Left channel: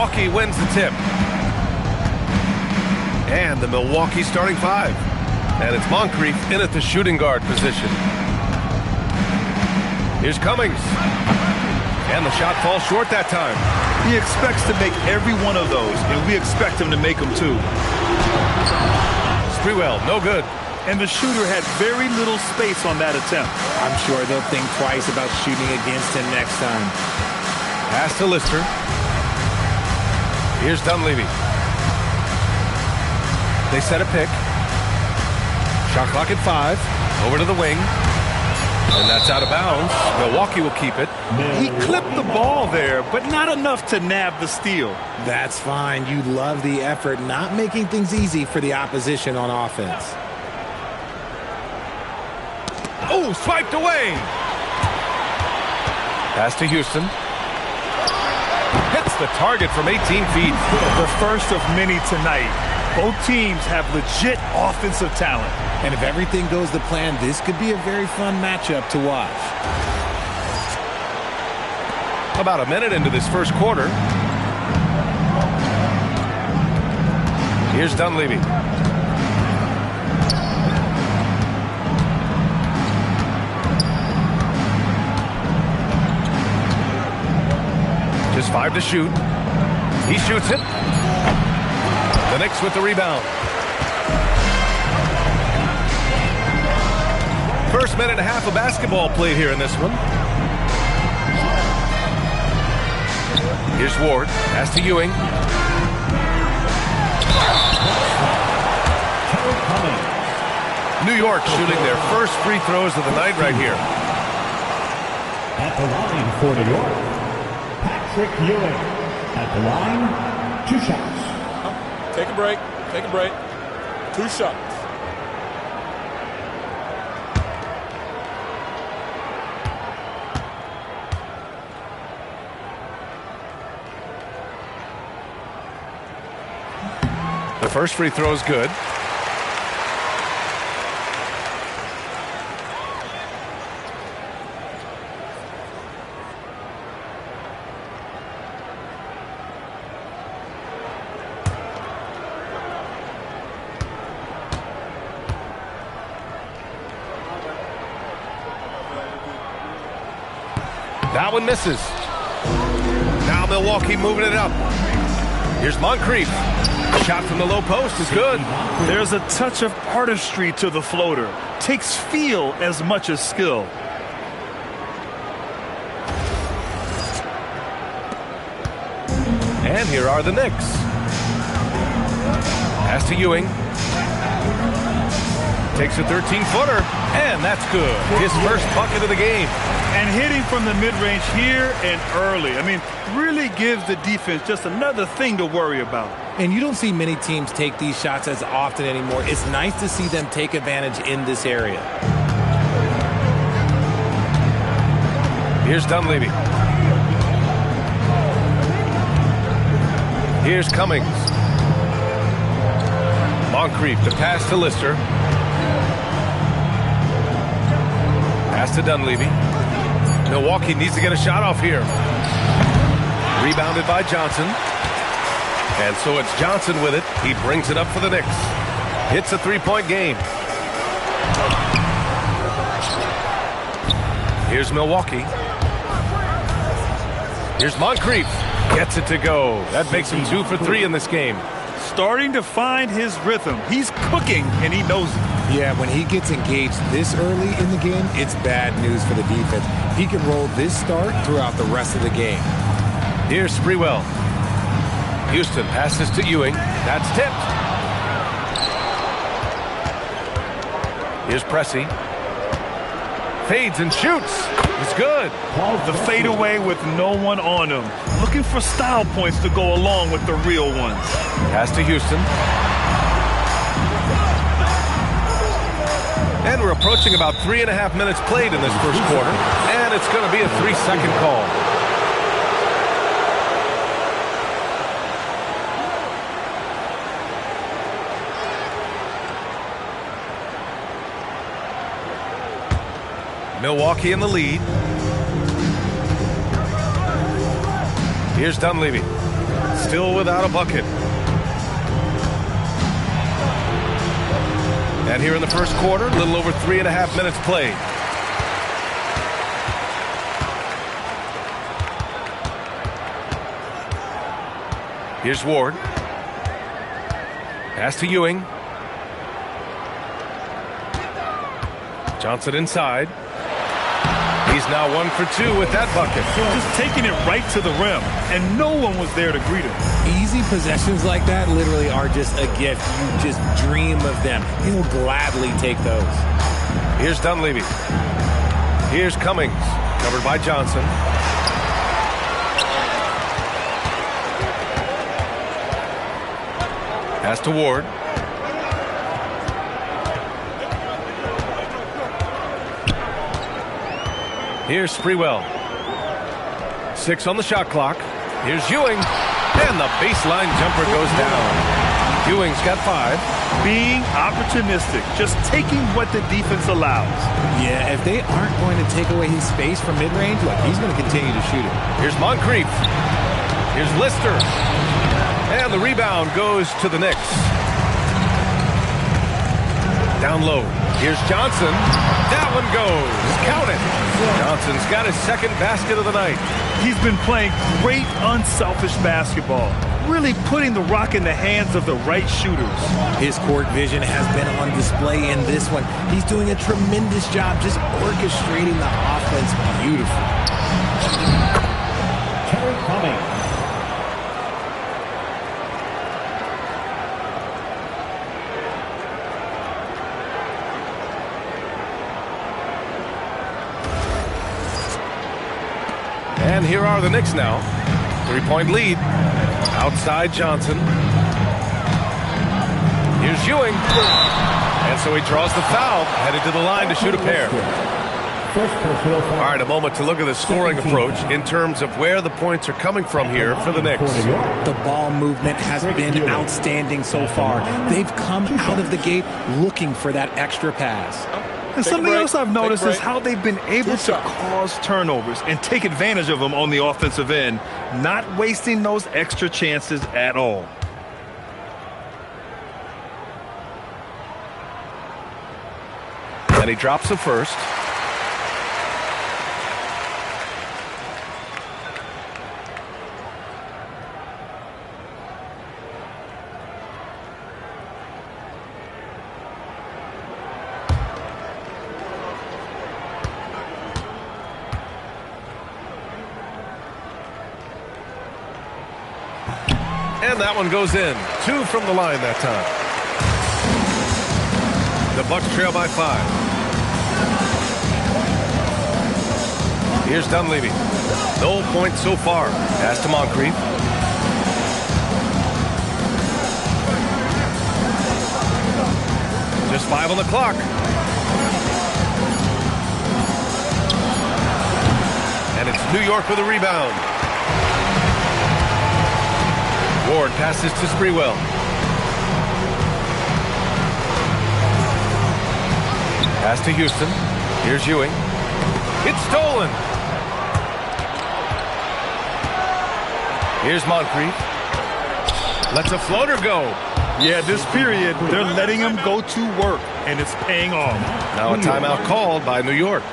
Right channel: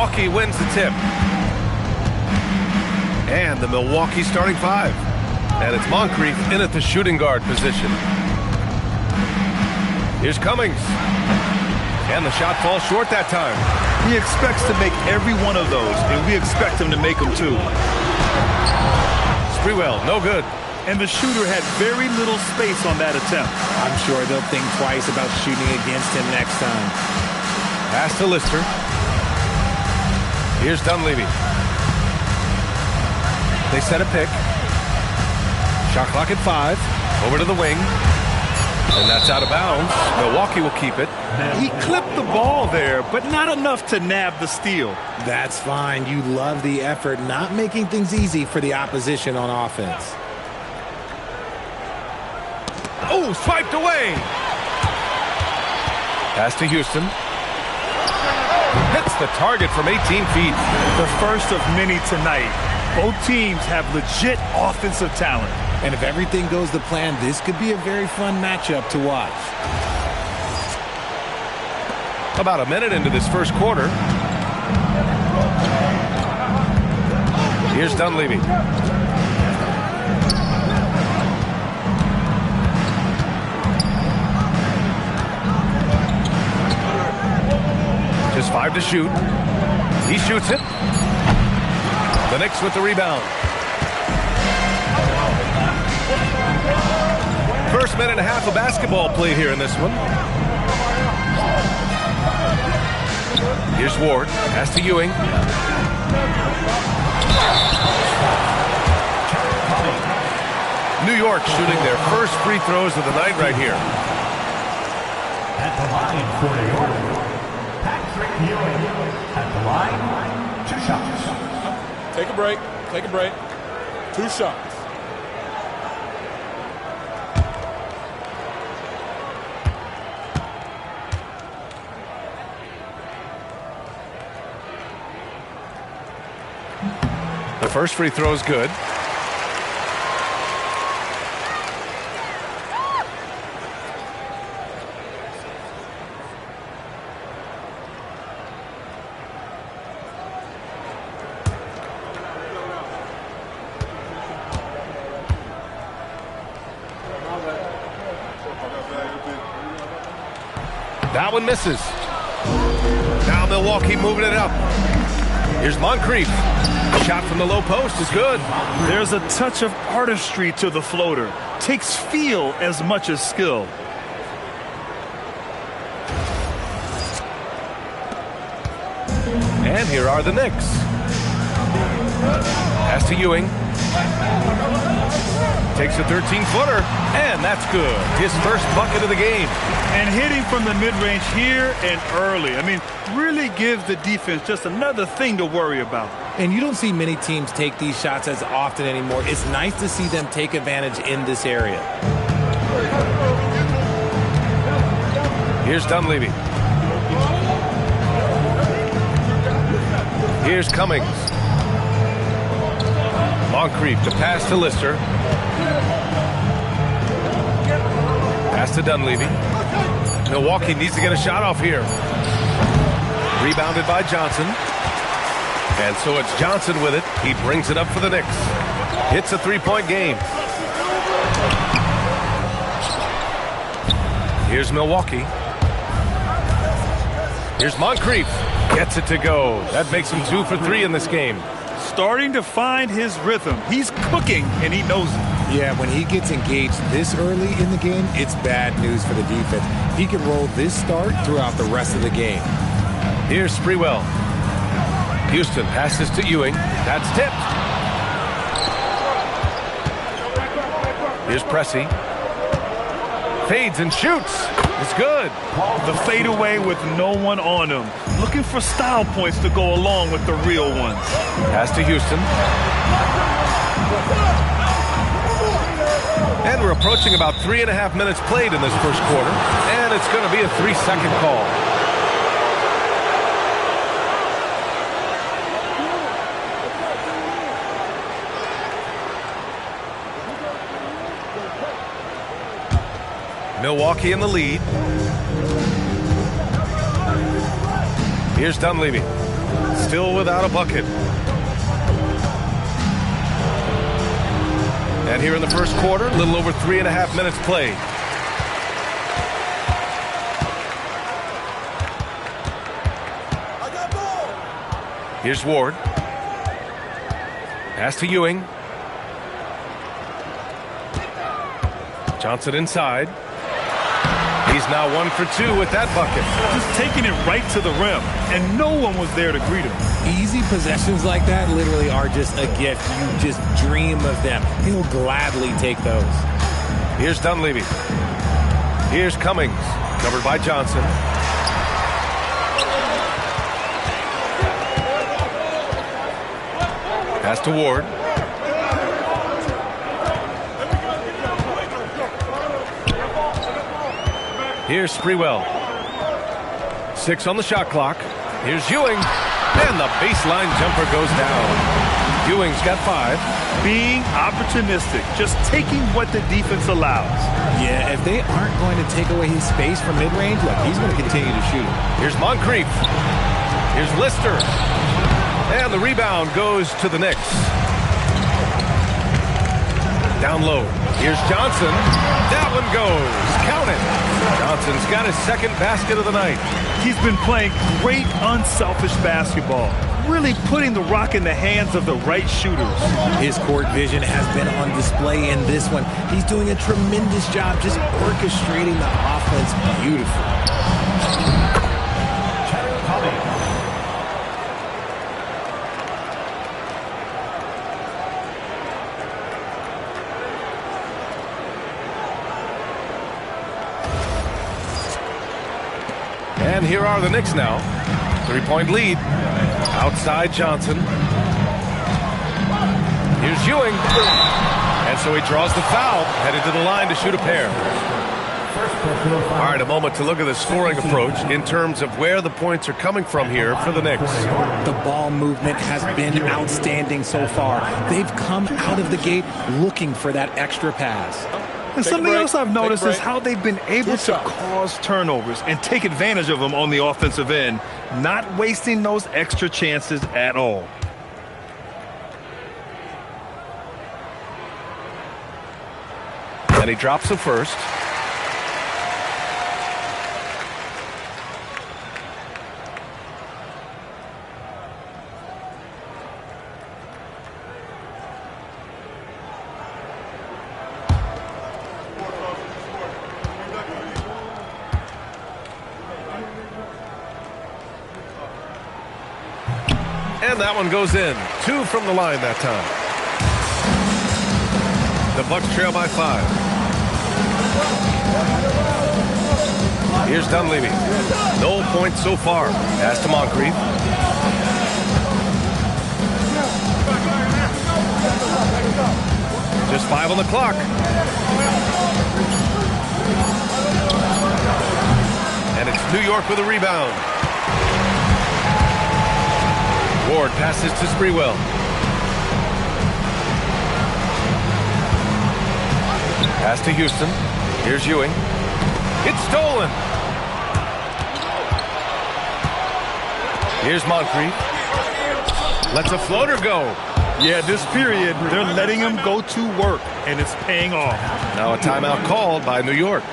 Milwaukee wins the tip. And the Milwaukee starting five. And it's Moncrief in at the shooting guard position. Here's Cummings. And the shot falls short that time. He expects to make every one of those, and we expect him to make them too. Sprewell, no good. And the shooter had very little space on that attempt. I'm sure they'll think twice about shooting against him next time. Pass to Lister. Here's Dunleavy. They set a pick. Shot clock at 5. Over to the wing. And that's out of bounds. Milwaukee will keep it. He clipped the ball there, but not enough to nab the steal. That's fine. You love the effort, not making things easy for the opposition on offense. Oh, swiped away. Pass to Houston. Hits the target from 18 feet. The first of many tonight. Both teams have legit offensive talent. And if everything goes to plan, this could be a very fun matchup to watch. About a minute into this first quarter. Here's Dunleavy. Just 5 to shoot. He shoots it. The Knicks with the rebound. First minute and a half of basketball played here in this one. Here's Ward. Pass to Ewing. New York shooting their first free throws of the night right here. At the line for New York, Patrick Ewing. At the line, 2 shots. Take a break. Take a break. 2 shots. The first free throw is good. That one misses. Now Milwaukee moving it up. Here's Moncrief. Shot from the low post is good. There's a touch of artistry to the floater. Takes feel as much as skill. And here are the Knicks. Pass to Ewing. Takes a 13-footer, and that's good. His first bucket of the game. And hitting from the mid-range here and early. I mean, really gives the defense just another thing to worry about. And you don't see many teams take these shots as often anymore. It's nice to see them take advantage in this area. Here's Dunleavy. Here's Cummings. Moncrief to pass to Lister. Pass to Dunleavy. Milwaukee needs to get a shot off here. Rebounded by Johnson. And so it's Johnson with it. He brings it up for the Knicks. Hits a 3-point game. Here's Milwaukee. Here's Moncrief. Gets it to go. That makes him 2 for 3 in this game. Starting to find his rhythm. He's cooking, and he knows it. Yeah, when he gets engaged this early in the game, it's bad news for the defense. He can roll this start throughout the rest of the game. Here's Sprewell. Houston passes to Ewing. That's tipped. Here's Pressey. Fades and shoots. It's good. The fadeaway with no one on him. Looking for style points to go along with the real ones. Pass to Houston. And we're approaching about 3.5 minutes played in this first quarter. And it's going to be a 3-second call. Milwaukee in the lead. Here's Dunleavy. still without a bucket. And here in the first quarter, a little over 3.5 minutes played. Here's Ward. Pass to Ewing. Johnson inside. He's now 1 for 2 with that bucket. Just taking it right to the rim, and no one was there to greet him. Easy possessions like that literally are just a gift. You just dream of them. He'll gladly take those. Here's Dunleavy. Here's Cummings, covered by Johnson. Pass to Ward. Here's Sprewell. 6 on the shot clock. Here's Ewing. And the baseline jumper goes down. Ewing's got 5. Being opportunistic, just taking what the defense allows. Yeah, if they aren't going to take away his space from mid-range, look, he's going to continue to shoot it. Here's Moncrief. Here's Lister. And the rebound goes to the Knicks. Down low. Here's Johnson. That one goes. Count it. Johnson's got his second basket of the night. He's been playing great unselfish basketball, really putting the rock in the hands of the right shooters. His court vision has been on display in this one. He's doing a tremendous job just orchestrating the offense beautifully. Cummings. And here are the Knicks now. 3-point lead. Outside Johnson. Here's Ewing. And so he draws the foul, headed to the line to shoot a pair. All right, a moment to look at the scoring approach in terms of where the points are coming from here for the Knicks. The ball movement has been outstanding so far. They've come out of the gate looking for that extra pass. And something else I've noticed is how they've been able to cause turnovers and take advantage of them on the offensive end, not wasting those extra chances at all. And he drops the first. And that one goes in. 2 from the line that time. The Bucks trail by 5. Here's Dunleavy. No points so far. Pass to Moncrief. Just 5 on the clock. And it's New York with a rebound. Ward passes to Sprewell. Pass to Houston. Here's Ewing. It's stolen. Here's Moncrief. Lets a floater go. Yeah, this period, they're letting him go to work, and it's paying off. Now a timeout called by New York.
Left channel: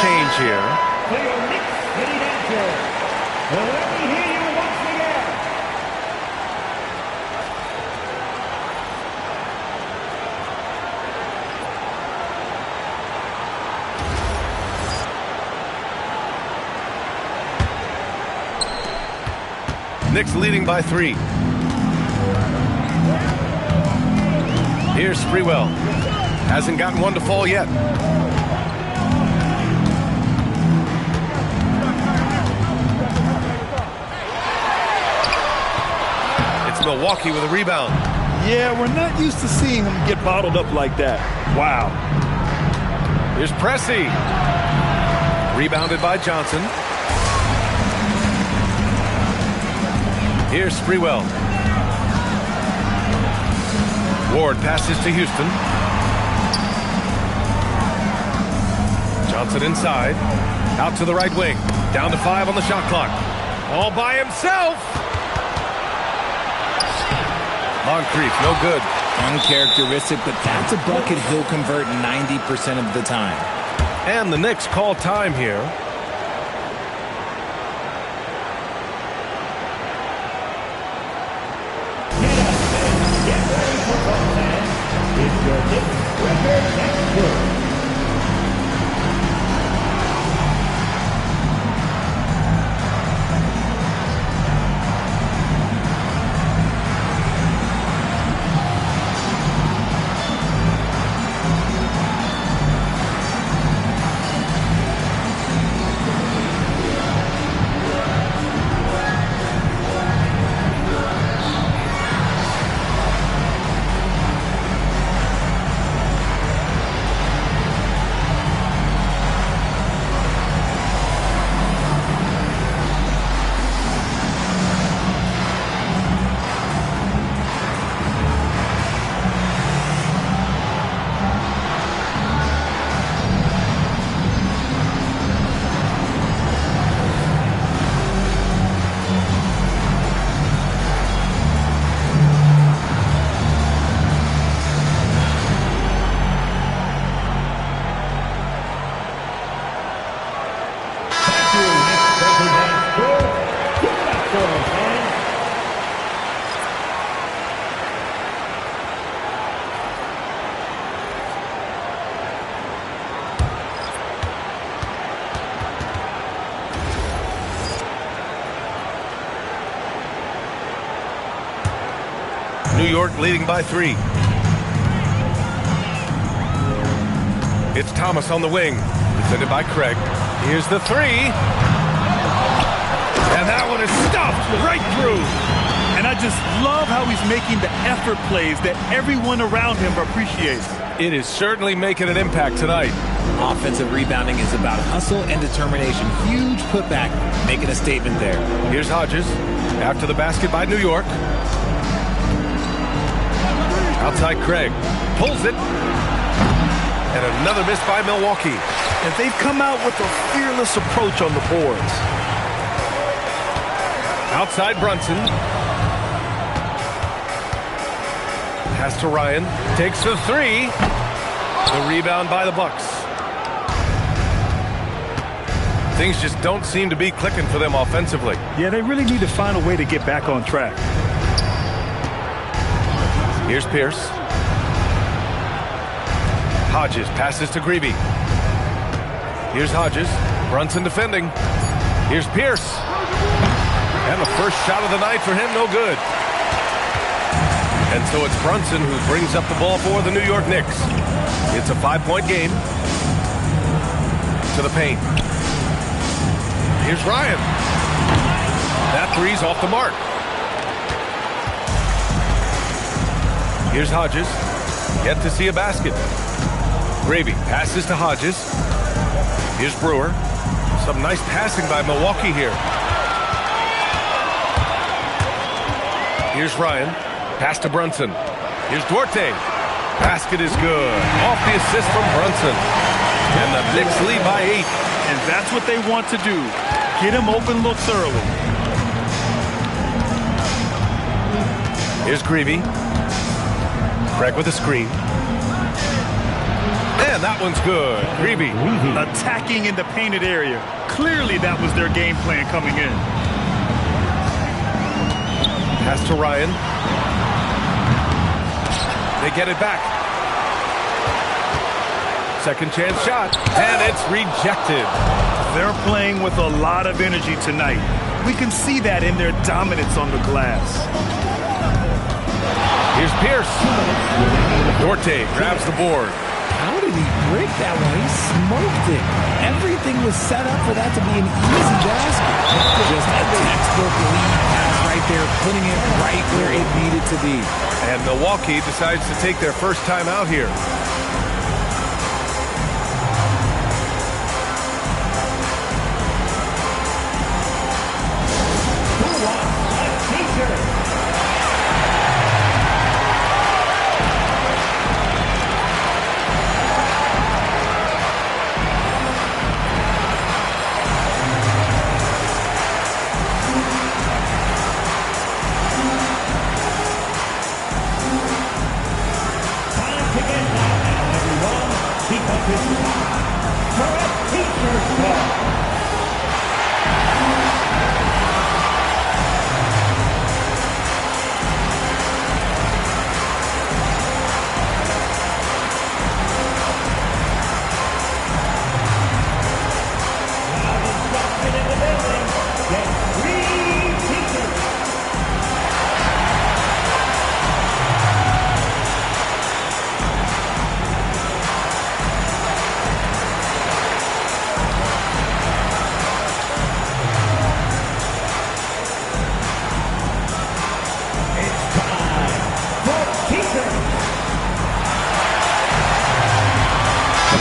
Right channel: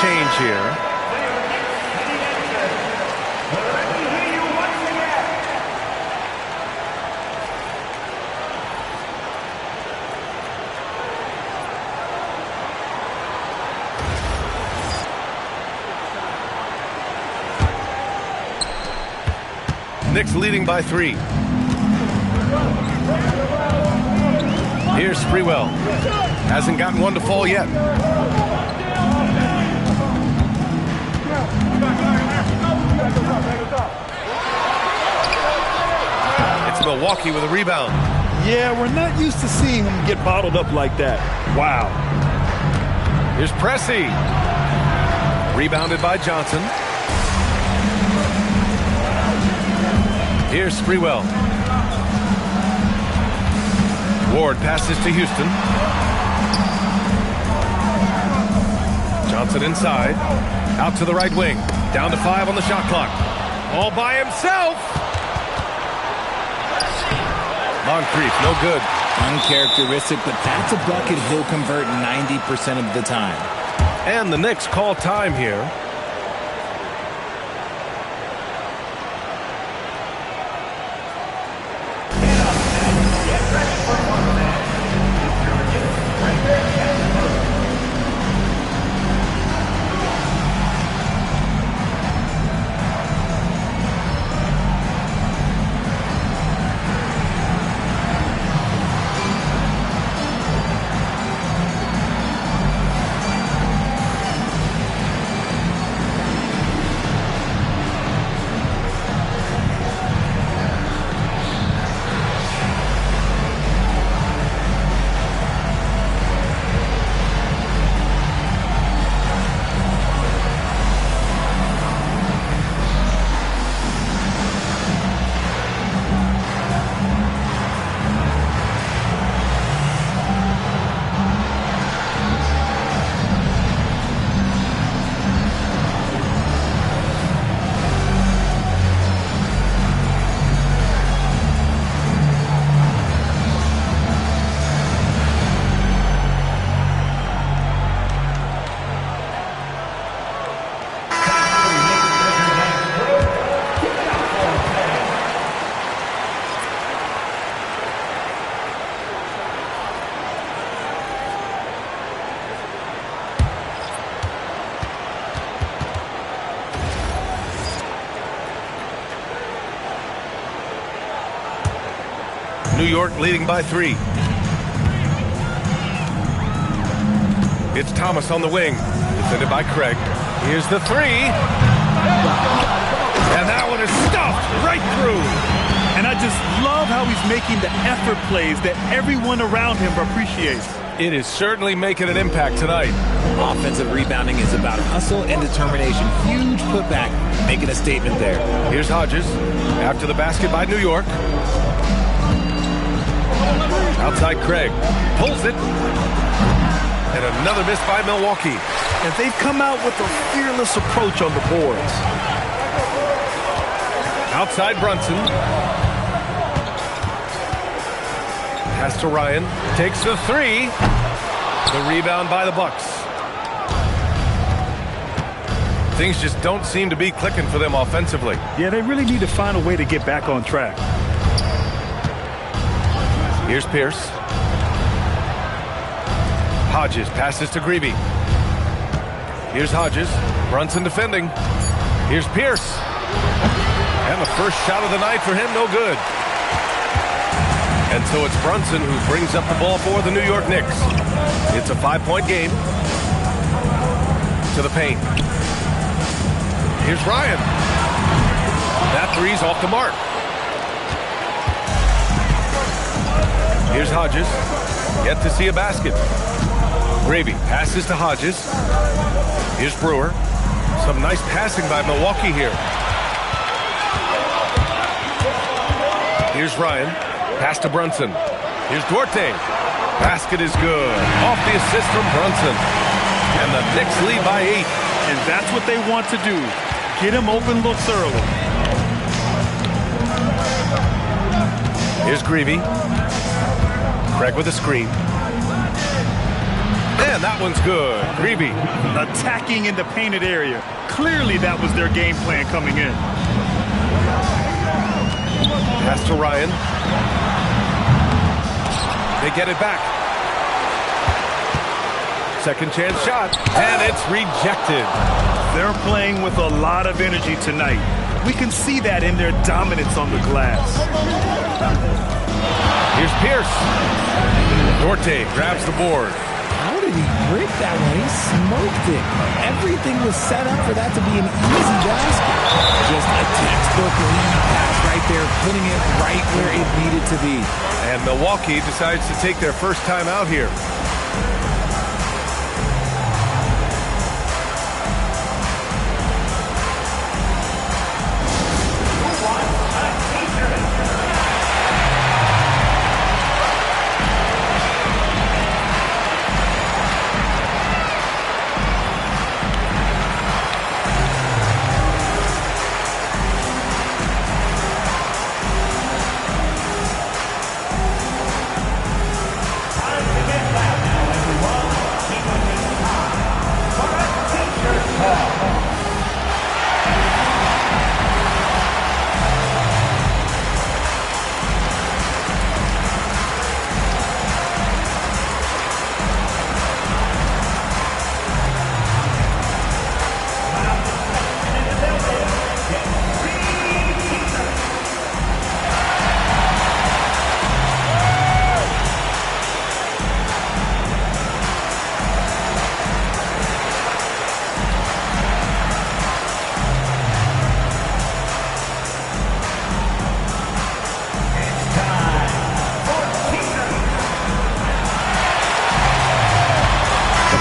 change here. For your Knicks city dancer, let me hear you once again. Knicks leading by 3. Here's Sprewell. Hasn't gotten one to fall yet. It's Milwaukee with a rebound. Yeah, we're not used to seeing him get bottled up like that. Wow. Here's Pressey. Rebounded by Johnson. Here's Sprewell. Ward passes to Houston. Johnson inside. Out to the right wing. Down to 5 on the shot clock. All by himself. Moncrief, no good. Uncharacteristic, but that's a bucket he'll convert 90% of the time. And the Knicks call time here. New York leading by 3. It's Thomas on the wing, defended by Craig. Here's the 3. And that one is stuffed right through. And I just love how he's making the effort plays that everyone around him appreciates. It is certainly making an impact tonight. Offensive rebounding is about hustle and determination. Huge putback, making a statement there. Here's Hodges, after the basket by New York. Outside Craig, pulls it. And another miss by Milwaukee. And they've come out with a fearless approach on the boards. Outside Brunson. Pass to Ryan. Takes the 3. The rebound by the Bucks. Things just don't seem to be clicking for them offensively. Yeah, they really need to find a way to get back on track. Here's Pierce. Hodges passes to Greavy. Here's Hodges. Brunson defending. Here's Pierce. And the first shot of the night for him, no good. And so it's Brunson who brings up the ball for the New York Knicks. It's a 5-point game. To the paint. Here's Ryan. That 3's off the mark. Here's Hodges. Yet to see a basket. Gravy passes to Hodges. Here's Brewer. Some nice passing by Milwaukee here. Here's Ryan. Pass to Brunson. Here's Duarte. Basket is good. Off the assist from Brunson. And the Knicks lead by 8. And that's what they want to do. Get him open looks early. Here's Greavy. Craig with a screen. And that one's good. Greavy. Attacking in the painted area. Clearly that was their game plan coming in. Pass to Ryan. They get it back. Second chance shot. And it's rejected. They're playing with a lot of energy tonight. We can see that in their dominance on the glass. Here's Pierce. Dorte grabs the board. How did he break that one? He smoked it. Everything was set up for that to be an easy basket. Just a textbook lead pass right there, putting it right where it needed to be. And Milwaukee decides to take their first time out here.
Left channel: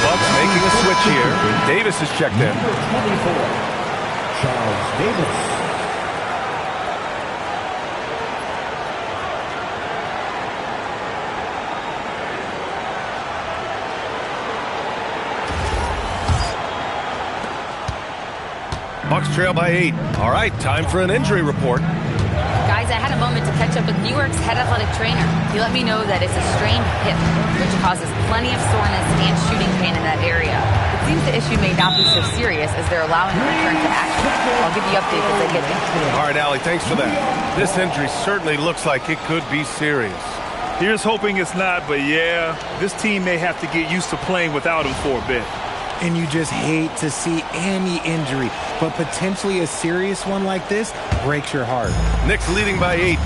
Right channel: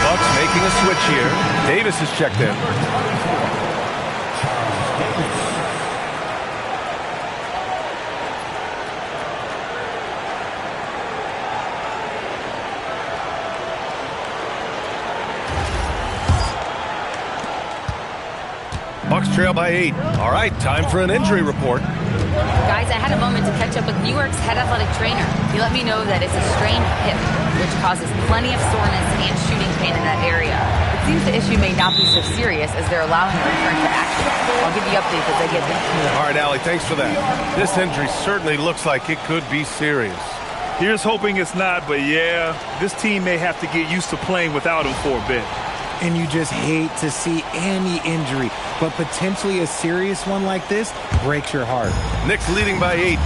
Bucks making a switch here. Davis is checked in. Charles Davis. Bucks trail by 8. All right, time for an injury report. Guys, I had a moment to catch up with New York's head athletic trainer. He let me know that it's a strained hip, which causes plenty of soreness and shooting pain in that area. It seems the issue may not be so serious as they're allowing a return to action. I'll give you updates as I get them. All right, Allie, thanks for that. This injury certainly looks like it could be serious. Here's hoping it's not, but yeah, this team may have to get used to playing without him for a bit. And you just hate to see any injury, but potentially a serious one like this breaks your heart. Knicks leading by 8.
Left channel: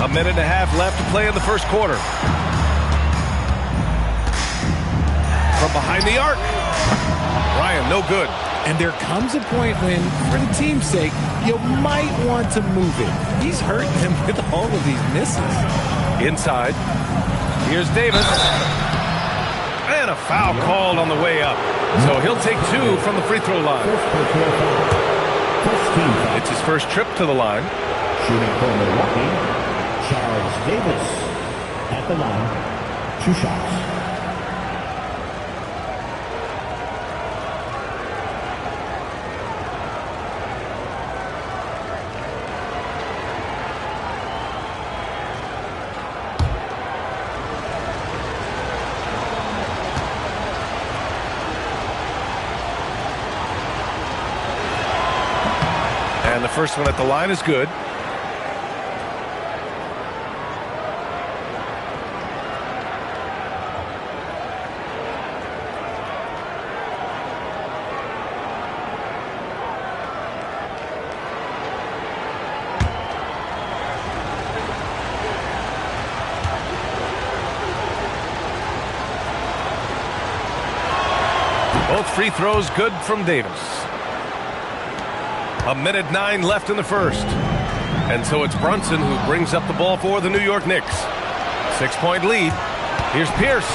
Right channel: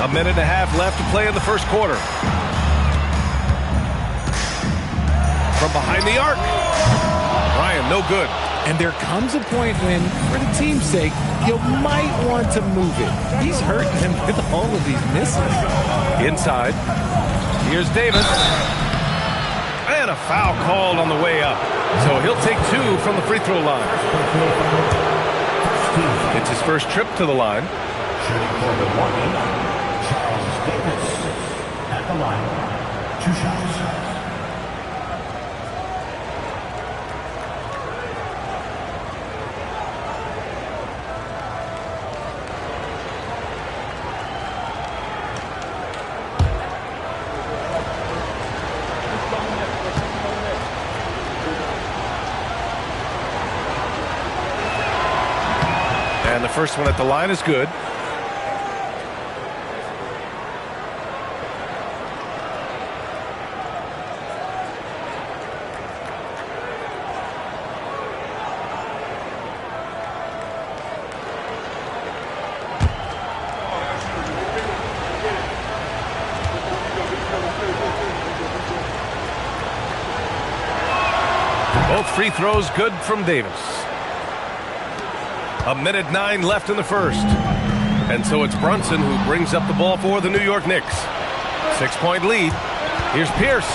A minute and a half left to play in the first quarter. From behind the arc. Ryan, no good. And there comes a point when, for the team's sake, you might want to move it. He's hurting them with all of these misses. Inside. Here's Davis. And a foul called on the way up. So he'll take 2 from the free throw line. It's his first trip to the line. Shooting for Milwaukee, Charles Davis. At the line, 2 shots. And the first one at the line is good. Both free throws good from Davis. A minute 9 left in the first. And so it's Brunson who brings up the ball for the New York Knicks. 6-point lead. Here's Pierce.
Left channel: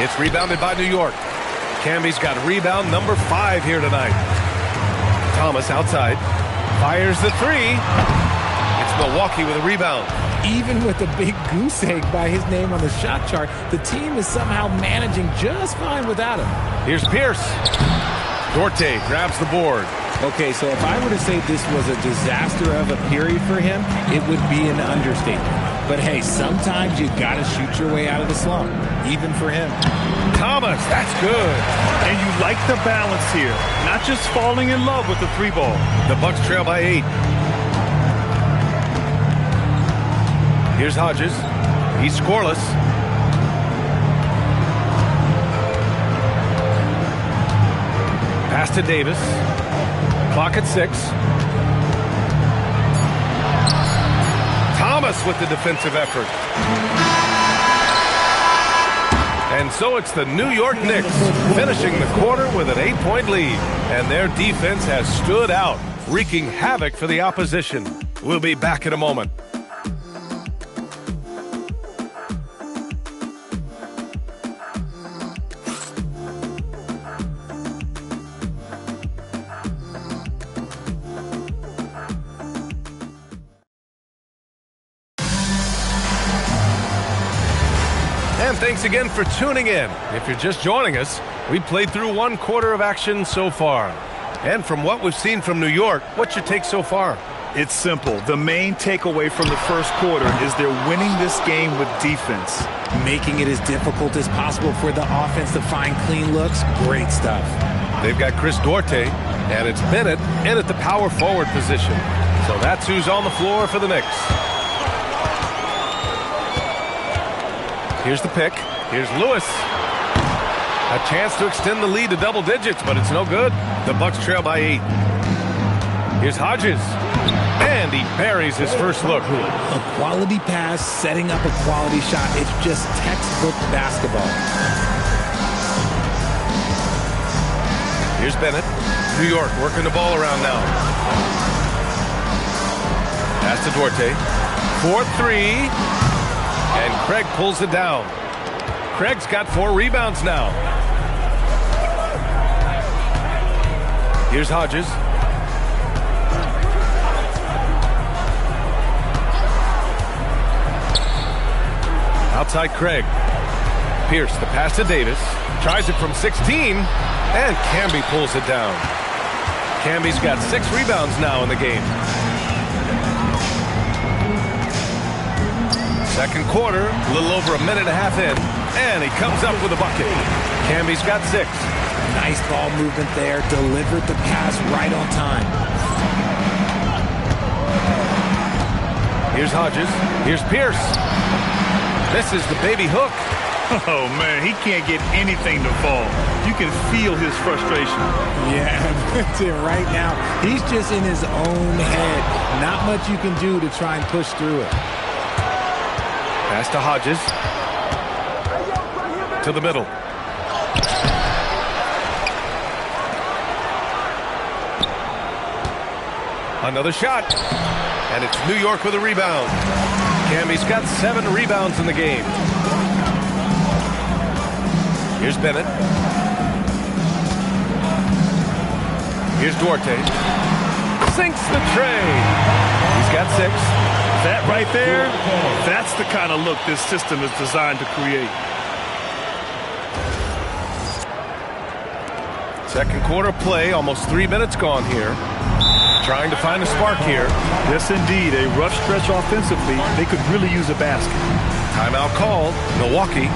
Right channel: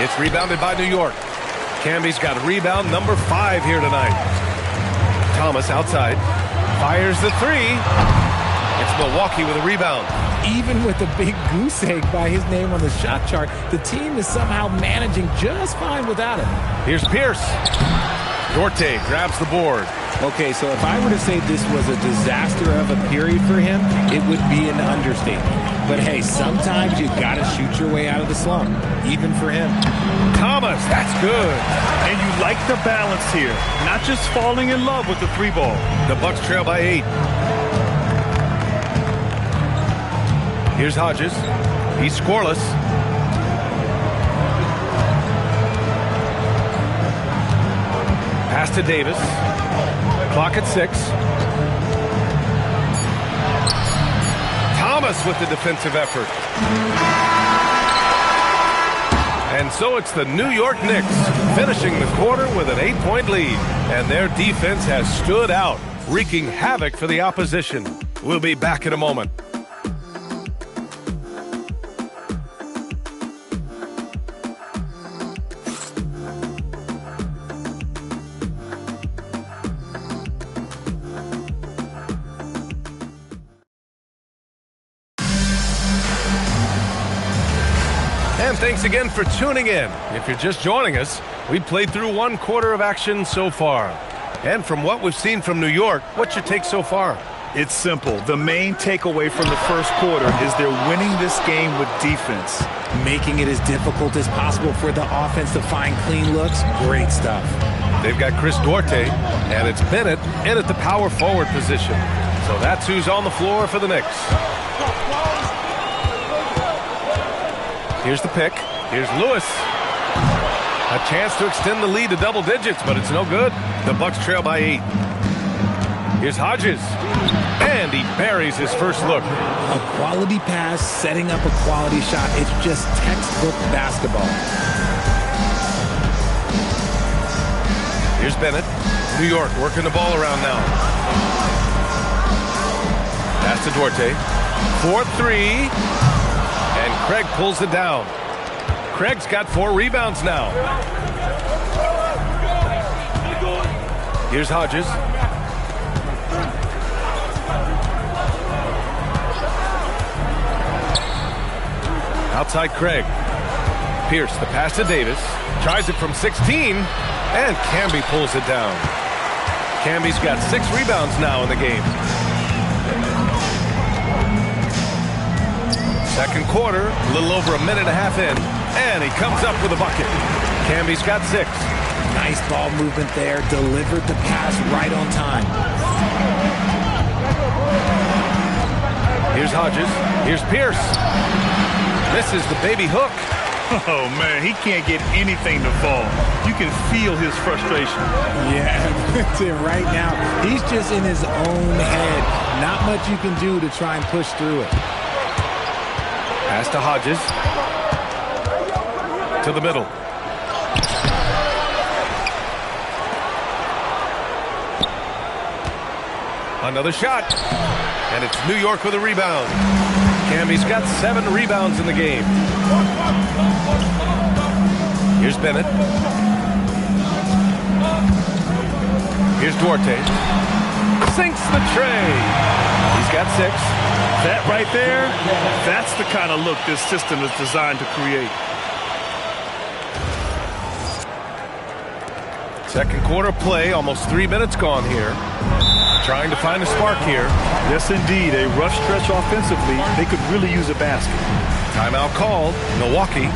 It's rebounded by New York. Camby's got rebound number 5 here tonight. Thomas outside. Fires the 3. It's Milwaukee with a rebound. Even with a big goose egg by his name on the shot chart, the team is somehow managing just fine without him. Here's Pierce. Dorte grabs the board. Okay, so if I were to say this was a disaster of a period for him, it would be an understatement. But hey, sometimes you got to shoot your way out of the slump, even for him. Thomas, that's good. And you like the balance here, not just falling in love with the 3-ball. The Bucks trail by 8. Here's Hodges. He's scoreless. Pass to Davis. Clock at 6. Thomas with the defensive effort. And so it's the New York Knicks finishing the quarter with an 8-point lead. And their defense has stood out, wreaking havoc for the opposition. We'll be back in a moment. And thanks again for tuning in. If you're just joining us, we played through 1 quarter of action so far. And from what we've seen from New York, what's your take so far? It's simple. The main takeaway from the first quarter is they're winning this game with defense. Making it as difficult as possible for the offense to find clean looks. Great stuff. They've got Chris Duarte, and it's Bennett in at the power forward position. So that's who's on the floor for the Knicks. Here's the pick. Here's Lewis. A chance to extend the lead to double digits, but it's no good. The Bucks trail by 8. Here's Hodges. And he buries his first look. A quality pass, setting up a quality shot. It's just textbook basketball. Here's Bennett. New York working the ball around now. Pass to Duarte. 4-3. And Craig pulls it down. Craig's got 4 rebounds now. Here's Hodges. Outside Craig. Pierce, the pass to Davis. Tries it from 16. And Camby pulls it down. Camby's got 6 rebounds now in the game. Second quarter, a little over a minute and a half in, and he comes up with a bucket. Camby's got 6. Nice ball movement there. Delivered the pass right on time. Here's Hodges. Here's Pierce. This is the baby hook. Oh, man, he can't get anything to fall. You can feel his frustration. Yeah, right now, he's just in his own head. Not much you can do to try and push through it. Pass to Hodges. To the middle. Another shot. And it's New York with a rebound. Camby's got 7 rebounds in the game. Here's Bennett. Here's Duarte. Sinks the tray. He's got 6. That right there, that's the kind of look this system is designed to create. Second quarter play, almost 3 minutes gone here. Trying to find a spark here. Yes, indeed. A rough stretch offensively. They could really use a basket. Timeout called. Milwaukee.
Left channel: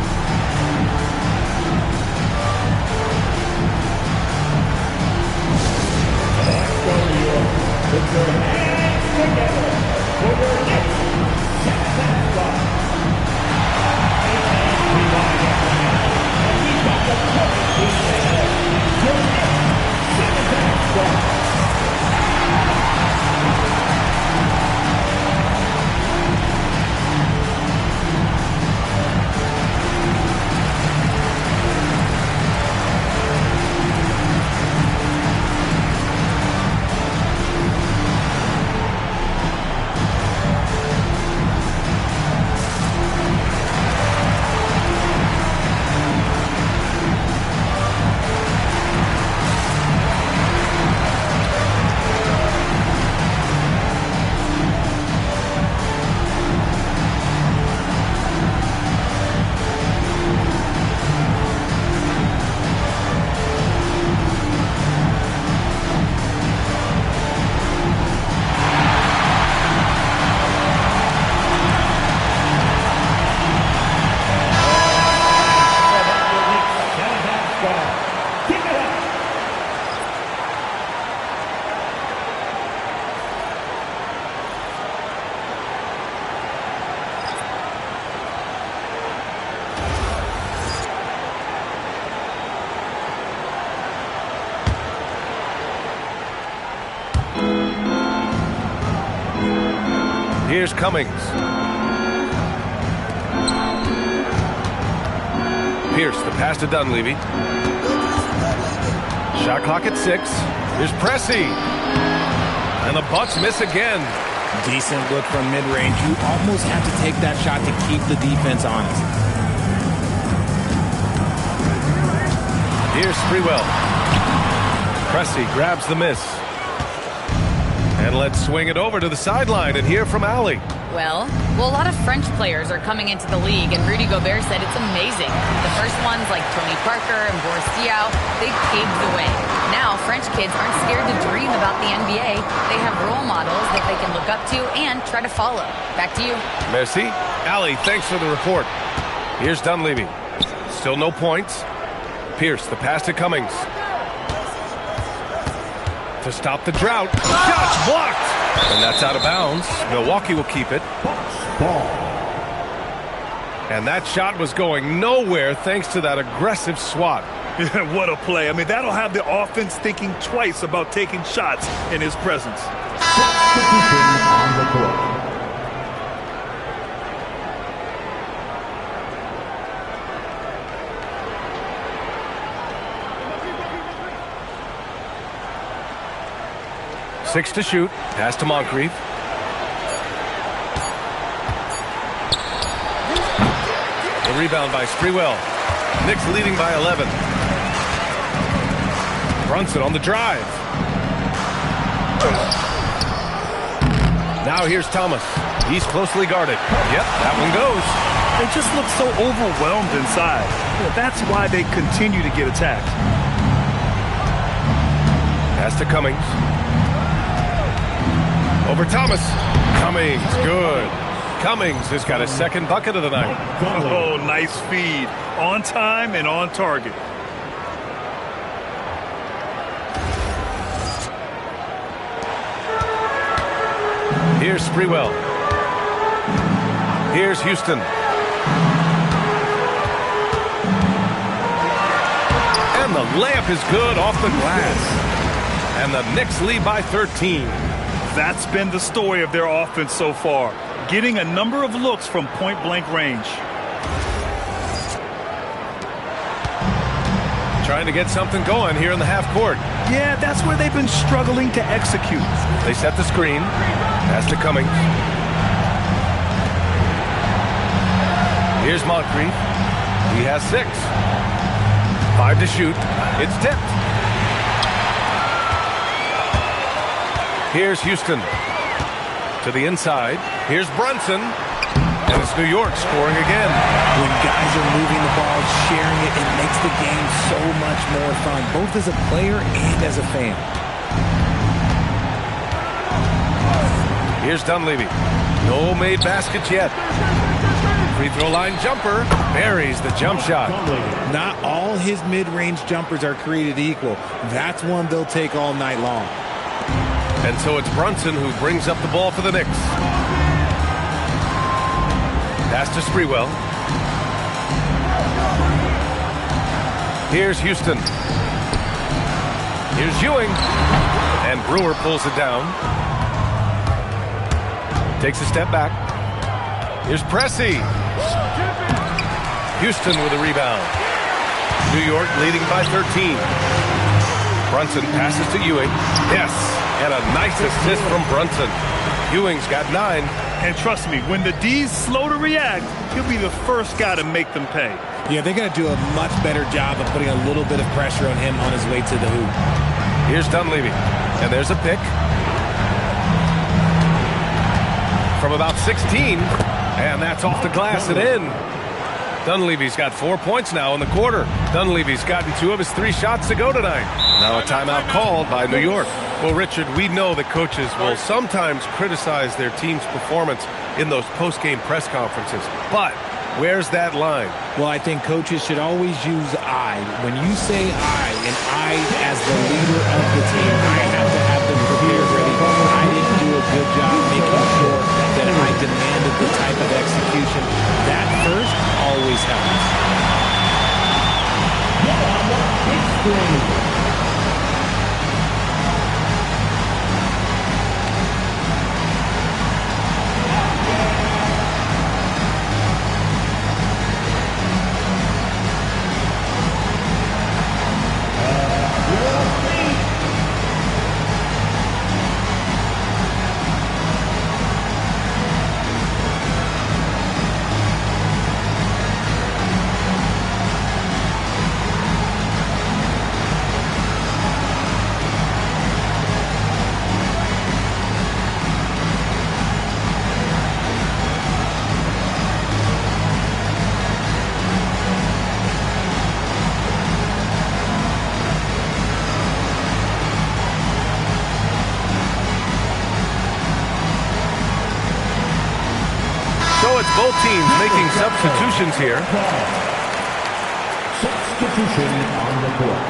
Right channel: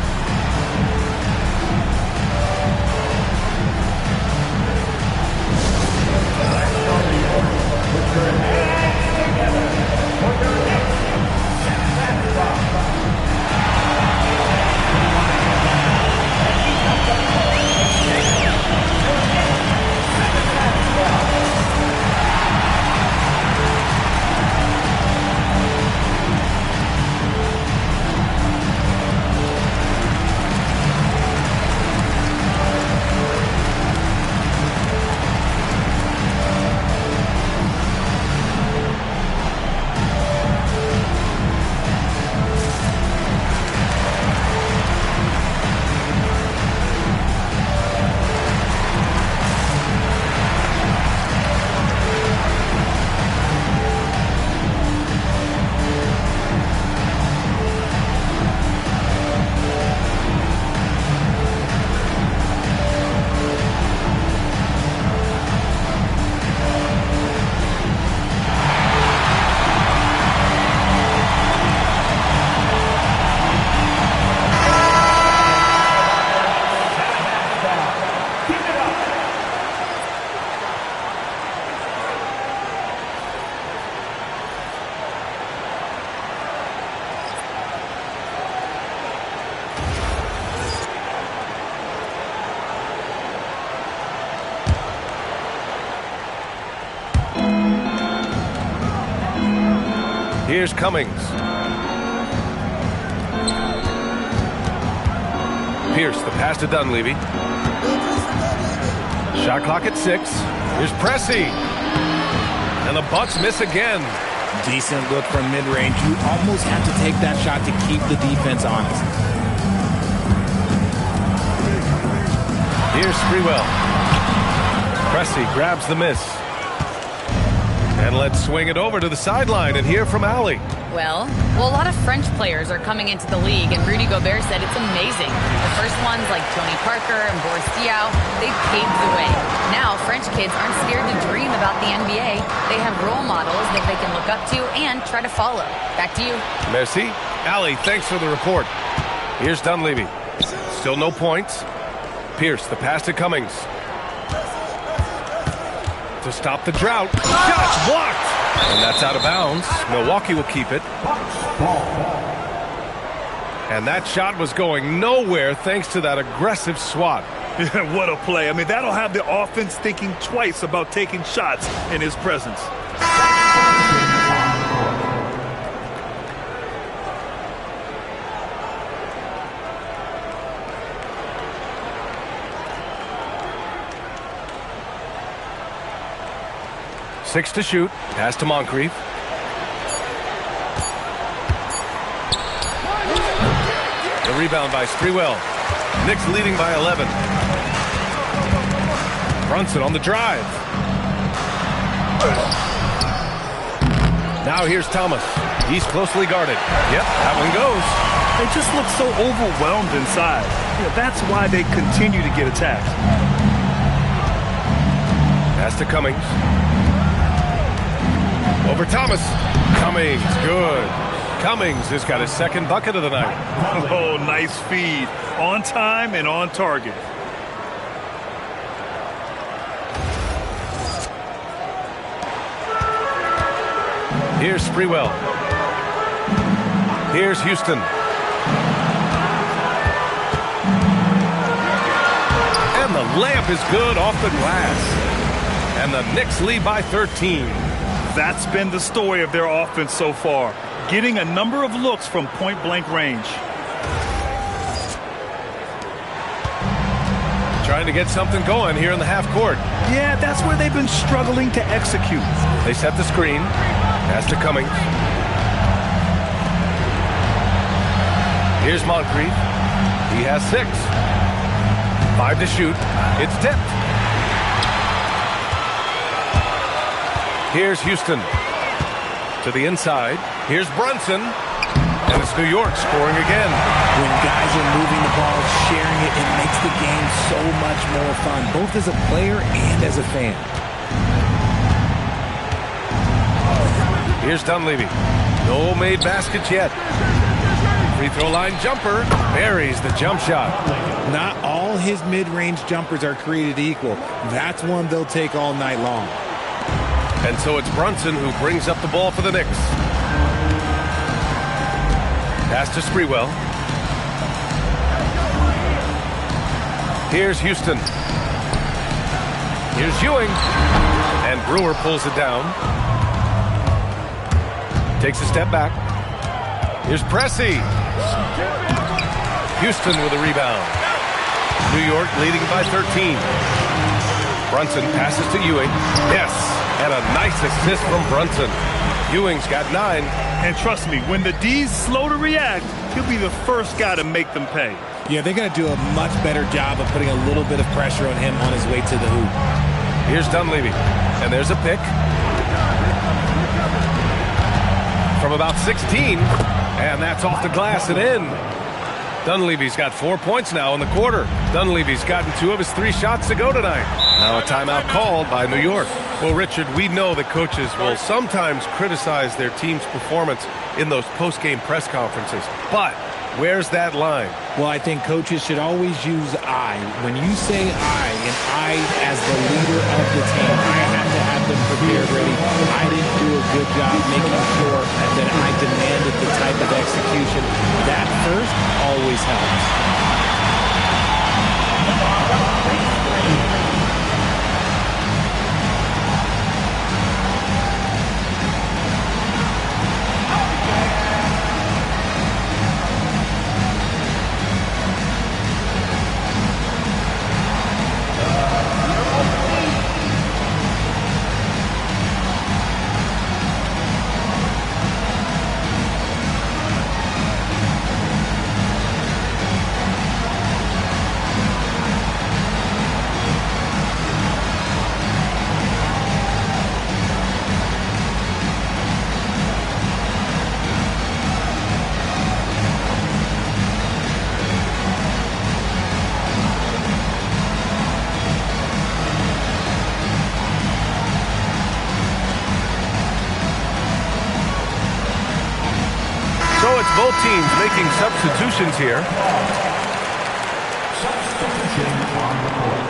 Here's Cummings. Pierce, the pass to Dunleavy. Shot clock at 6. Here's Pressey. And the Bucks miss again. Decent look from mid-range. You almost have to take that shot to keep the defense honest. Here's Sprewell. Pressey grabs the miss. And let's swing it over to the sideline and hear from Allie. Well, a lot of French players are coming into the league, and Rudy Gobert said it's amazing. The first ones like Tony Parker and Boris Diaw, they paved the way. Now, French kids aren't scared to dream about the NBA. They have role models that they can look up to and try to follow. Back to you. Merci. Allie, thanks for the report. Here's Dunleavy. Still no points. Pierce, the pass to Cummings. To stop the drought. Shots blocked. And that's out of bounds. Milwaukee will keep it. And that shot was going nowhere thanks to that aggressive swat. Yeah, what a play. I mean, that'll have the offense thinking twice about taking shots in his presence. 6 to shoot. Pass to Moncrief. The rebound by Sprewell. Knicks leading by 11. Brunson on the drive. Now here's Thomas. He's closely guarded. Yep, that one goes. They just look so overwhelmed inside. That's why they continue to get attacked. Pass to Cummings. Over Thomas. Cummings, good. Cummings has got his second bucket of the night. Oh, nice feed. On time and on target. Here's Sprewell. Here's Houston. And the layup is good off the glass. And the Knicks lead by 13. That's been the story of their offense so far. Getting a number of looks from point-blank range. Trying to get something going here in the half court. Yeah, that's where they've been struggling to execute. They set the screen. Pass to Cummings. Here's Moncrief. He has 6. 5 to shoot. It's tipped. Here's Houston. To the inside. Here's Brunson. And it's New York scoring again. When guys are moving the ball, sharing it, it makes the game so much more fun, both as a player and as a fan. Here's Dunleavy. No made baskets yet. Free throw line jumper. Buries the jump shot. Not all his mid-range jumpers are created equal. That's one they'll take all night long. And so it's Brunson who brings up the ball for the Knicks. Pass to Sprewell. Here's Houston. Here's Ewing. And Brewer pulls it down. Takes a step back. Here's Pressey. Houston with a rebound. New York leading by 13. Brunson passes to Ewing. Yes. And a nice assist from Brunson. Ewing's got 9. And trust me, when the D's slow to react, he'll be the first guy to make them pay. Yeah, they're going to do a much better job of putting a little bit of pressure on him on his way to the hoop. Here's Dunleavy. And there's a pick. From about 16. And that's off the glass and in. Dunleavy's got 4 points now in the quarter. Dunleavy's gotten 2 of his 3 shots to go tonight. Now a timeout called by New York. Well, Richard, we know that coaches will sometimes criticize their team's performance in those post-game press conferences. But where's that line? Well, I think coaches should always use I. When you say I, and I as the leader of the team, I have to have them prepared ready. I didn't do a good job making sure that I demanded the type of execution. That first always helps. it's both teams making substitutions here. Substitution on the court.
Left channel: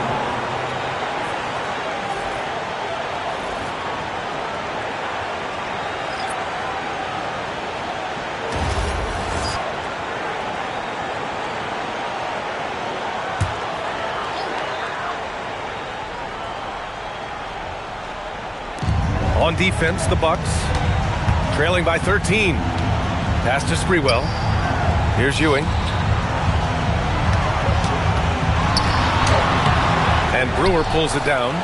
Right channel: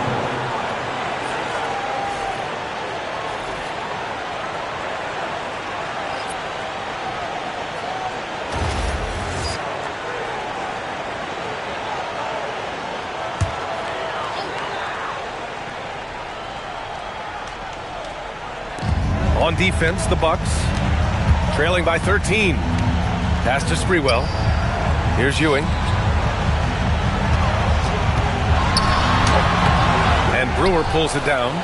On defense, the Bucks trailing by 13. Pass to Sprewell. Here's Ewing. And Brewer pulls it down.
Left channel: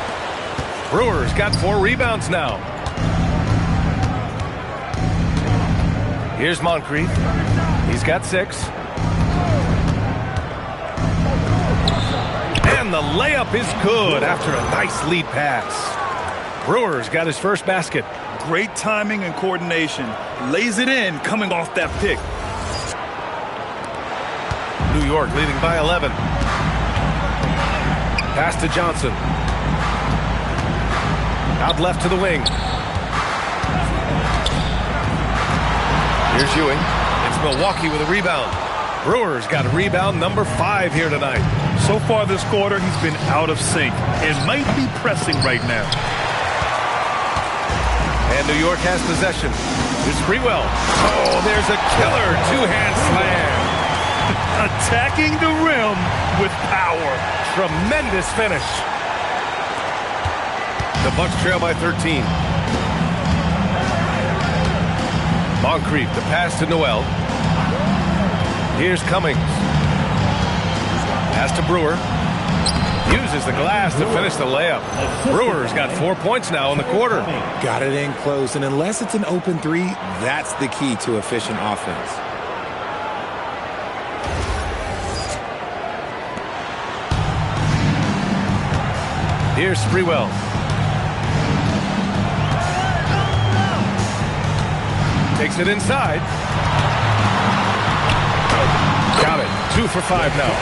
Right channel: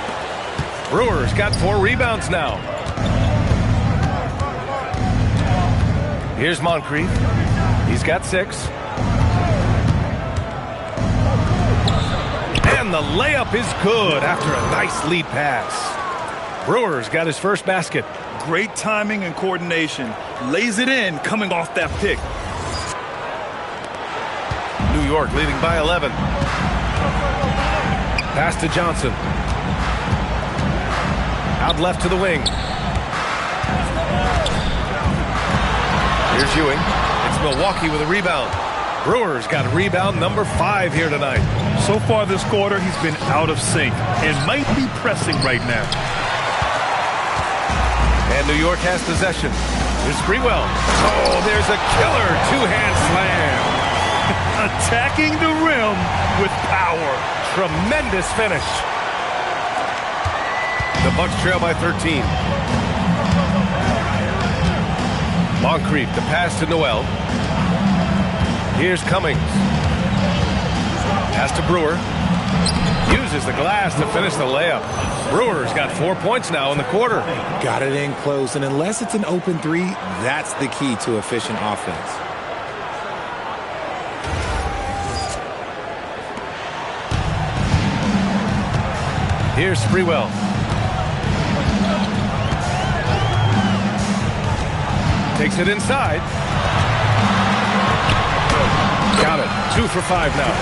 Brewer's got 4 rebounds now. Here's Moncrief. He's got 6. And the layup is good after a nice lead pass. Brewer's got his first basket. Great timing and coordination. Lays it in coming off that pick. New York leading by 11. Pass to Johnson. Out left to the wing. Here's Ewing. It's Milwaukee with a rebound. Brewer's got a rebound number 5 here tonight. So far this quarter, he's been out of sync and might be pressing right now. And New York has possession. Here's Sprewell. Oh, there's a killer 2-hand slam. Attacking the rim with power. Tremendous finish. The Bucks trail by 13. Moncrief, the pass to Noel. Here's Cummings. Pass to Brewer. Uses the glass to finish the layup. Brewer's got 4 points now in the quarter. Got it in close, and unless it's an open 3, that's the key to efficient offense. Here's Sprewell. Takes it inside. Got it. 2 for 5 now.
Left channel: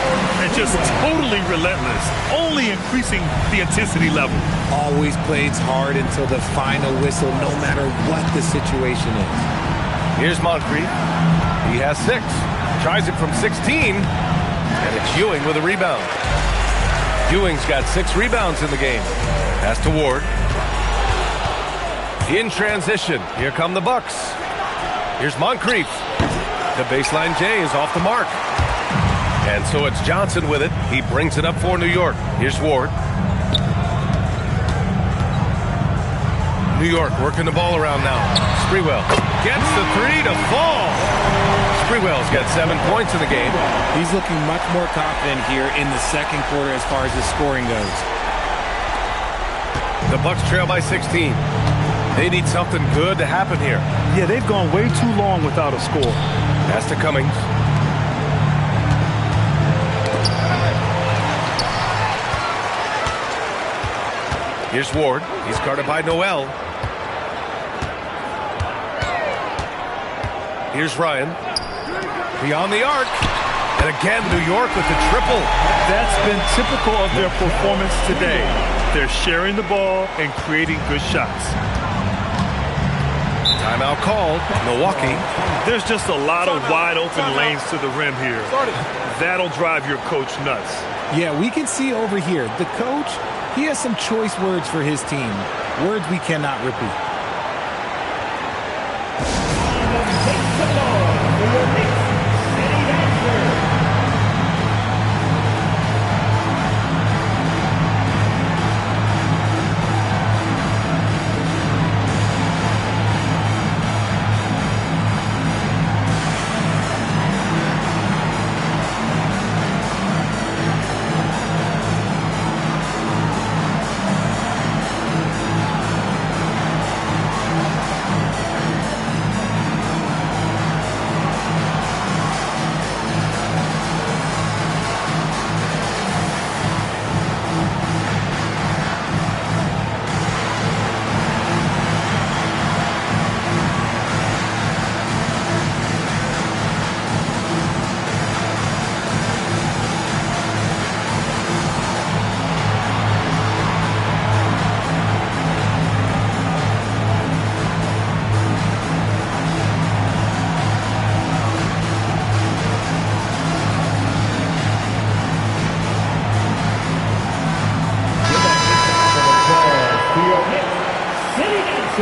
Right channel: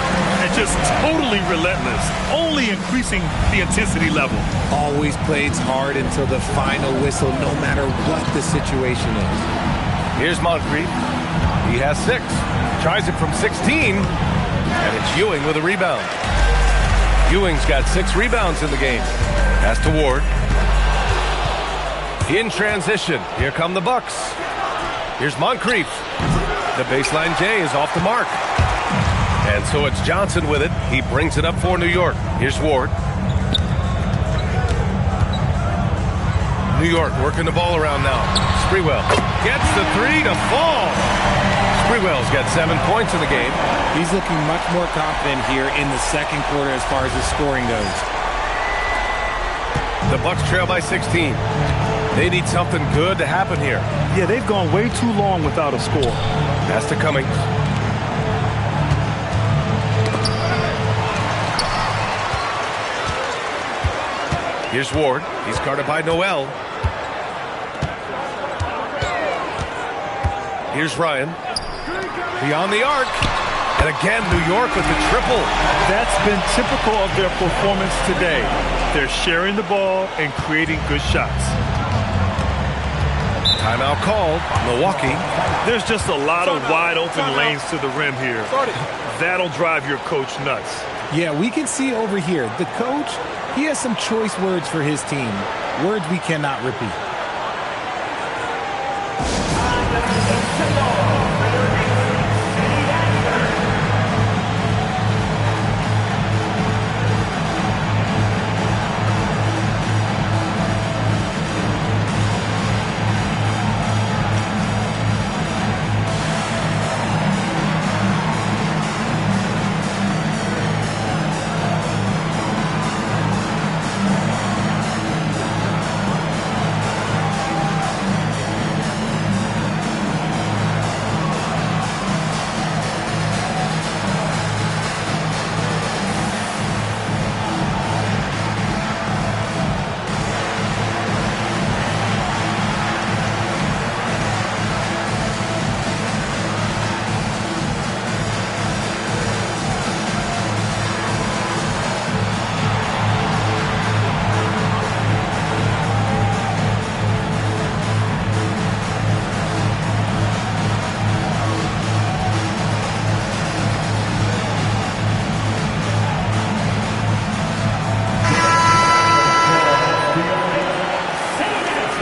And just totally relentless. Only increasing the intensity level. Always plays hard until the final whistle, no matter what the situation is. Here's Moncrief. He has 6. Tries it from 16. And it's Ewing with a rebound. Ewing's got 6 rebounds in the game. Pass to Ward. In transition. Here come the Bucks. Here's Moncrief. The baseline J is off the mark. And so it's Johnson with it. He brings it up for New York. Here's Ward. New York working the ball around now. Sprewell gets the 3 to fall. Sprewell's got 7 points in the game. He's looking much more confident here in the second quarter as far as his scoring goes. The Bucks trail by 16. They need something good to happen here. Yeah, they've gone way too long without a score. Pass to Cummings. Here's Ward. He's guarded by Noel. Here's Ryan. Beyond the arc. And again, New York with the triple. That's been typical of their performance today. They're sharing the ball and creating good shots. Timeout called. Milwaukee. There's just a lot of wide open lanes to the rim here. That'll drive your coach nuts. Yeah, we can see over here, the coach, he has some choice words for his team. Words we cannot repeat.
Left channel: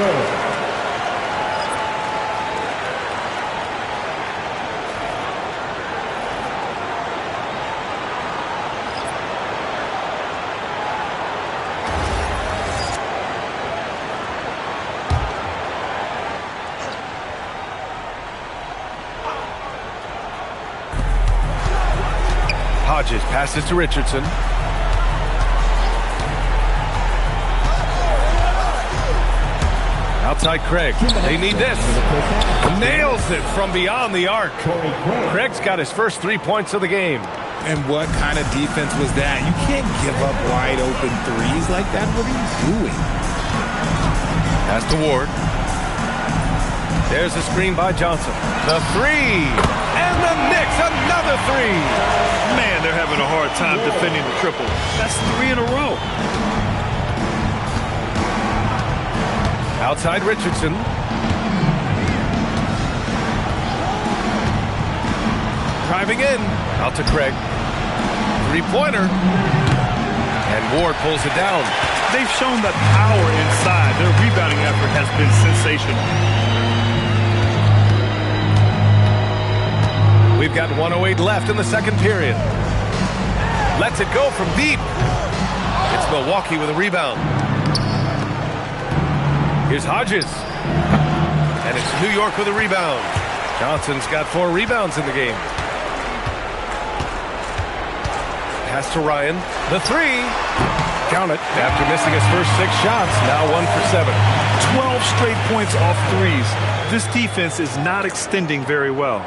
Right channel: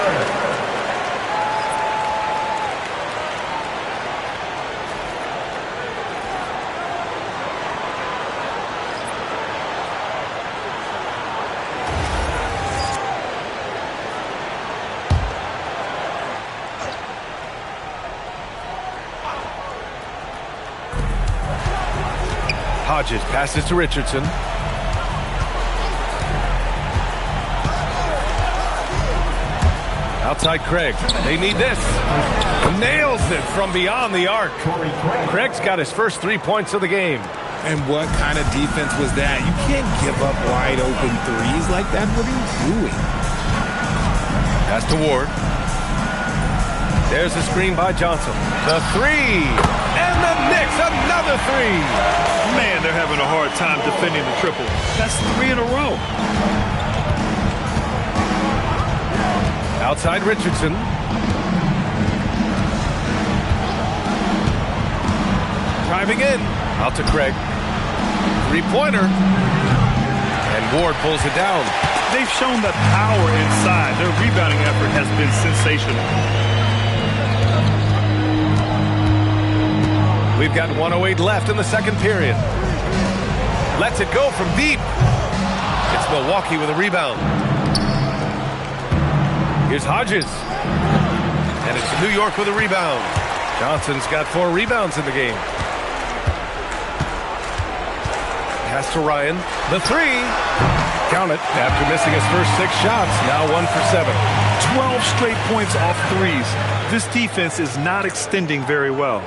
good. Hodges passes to Richardson. Outside Craig. They need this. Nails it from beyond the arc. Craig's got his first 3 points of the game. And what kind of defense was that? You can't give up wide open threes like that. What are you doing? Pass to Ward. There's a screen by Johnson. The three. And the Knicks, another three. Man, they're having a hard time defending the triple. That's 3 in a row. Outside Richardson. Driving in. Out to Craig. Three-pointer. And Ward pulls it down. They've shown that power inside. Their rebounding effort has been sensational. We've got 1:08 left in the second period. Lets it go from deep. It's Milwaukee with a rebound. Here's Hodges. And it's New York with a rebound. Johnson's got 4 rebounds in the game. Pass to Ryan. The three. Count it. After missing his first 6 shots, now 1 for 7. 12 straight points off threes. This defense is not extending very well.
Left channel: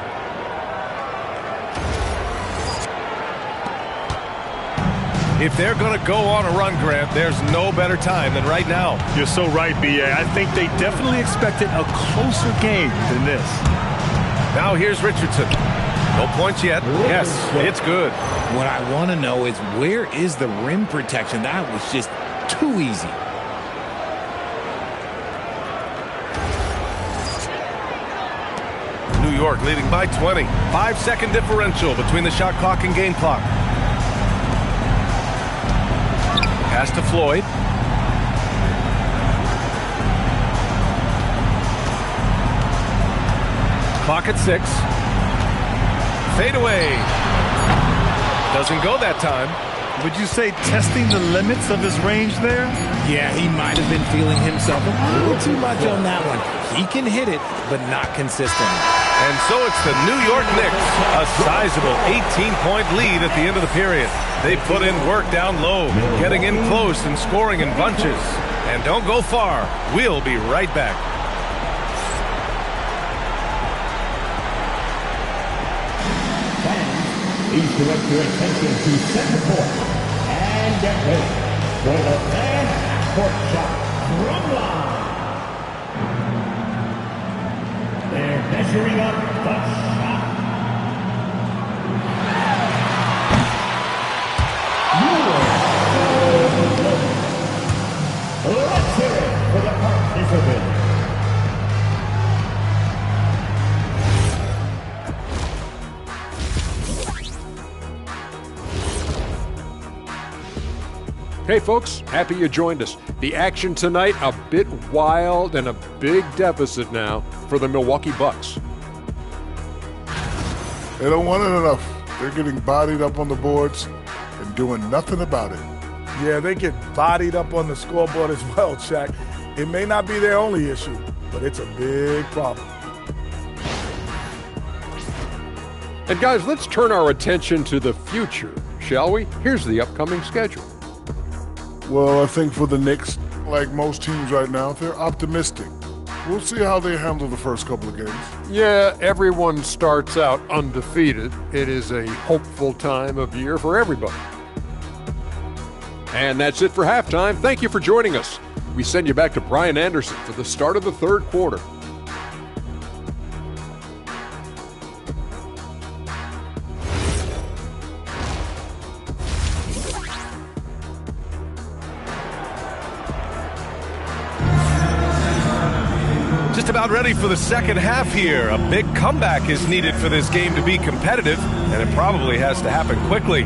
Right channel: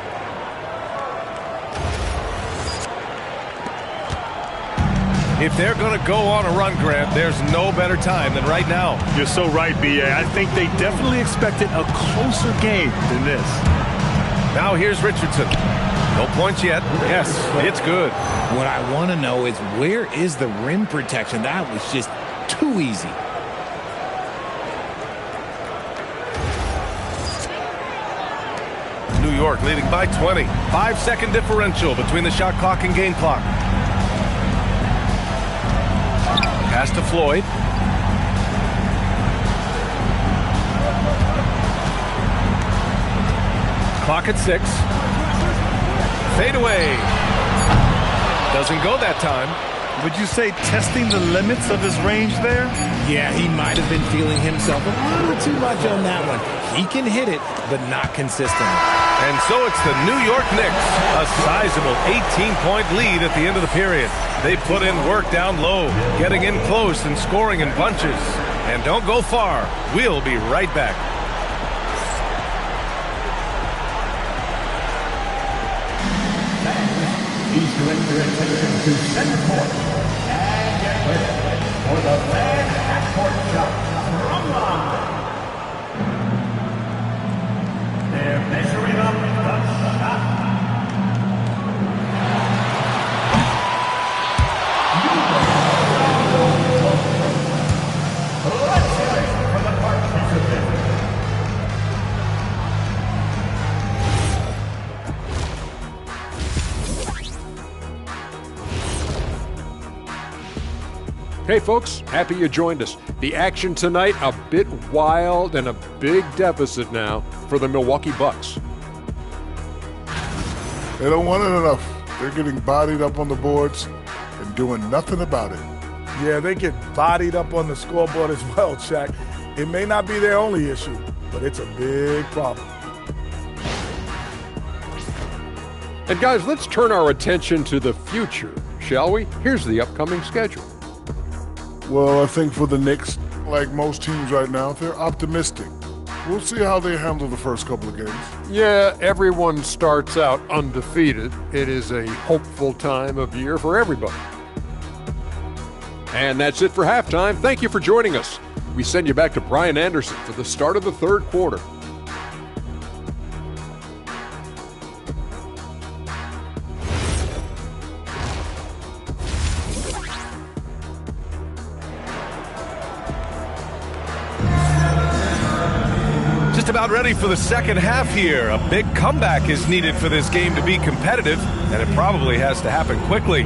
If they're going to go on a run, Grant, there's no better time than right now. You're so right, B.A. I think they definitely expected a closer game than this. Now here's Richardson. No points yet. Yes, it's good. What I want to know is, where is the rim protection? That was just too easy. New York leading by 20. 5-second differential between the shot clock and game clock. Pass to Floyd. Clock at 6. Fade away. Doesn't go that time. Would you say testing the limits of his range there? Yeah, he might have been feeling himself a little too much on that one. He can hit it, but not consistently. And so it's the New York Knicks, a sizable 18-point lead at the end of the period. They put in work down low, getting in close and scoring in bunches. And don't go far. We'll be right back. Please direct your attention to center court and get ready for the fan half-court shot from line. They're measuring up the shot. You are so close. Let's hear it for the participants. Hey folks, happy you joined us. The action tonight, a bit wild and a big deficit now for the Milwaukee Bucks. They don't want it enough. They're getting bodied up on the boards and doing nothing about it. Yeah, they get bodied up on the scoreboard as well, Shaq. It may not be their only issue, but it's a big problem. And guys, let's turn our attention to the future, shall we? Here's the upcoming schedule. Well, I think for the Knicks, like most teams right now, they're optimistic. We'll see how they handle the first couple of games. Yeah, everyone starts out undefeated. It is a hopeful time of year for everybody. And that's it for halftime. Thank you for joining us. We send you back to Brian Anderson for the start of the third quarter. Just about ready for the second half here. A big comeback is needed for this game to be competitive, and it probably has to happen quickly.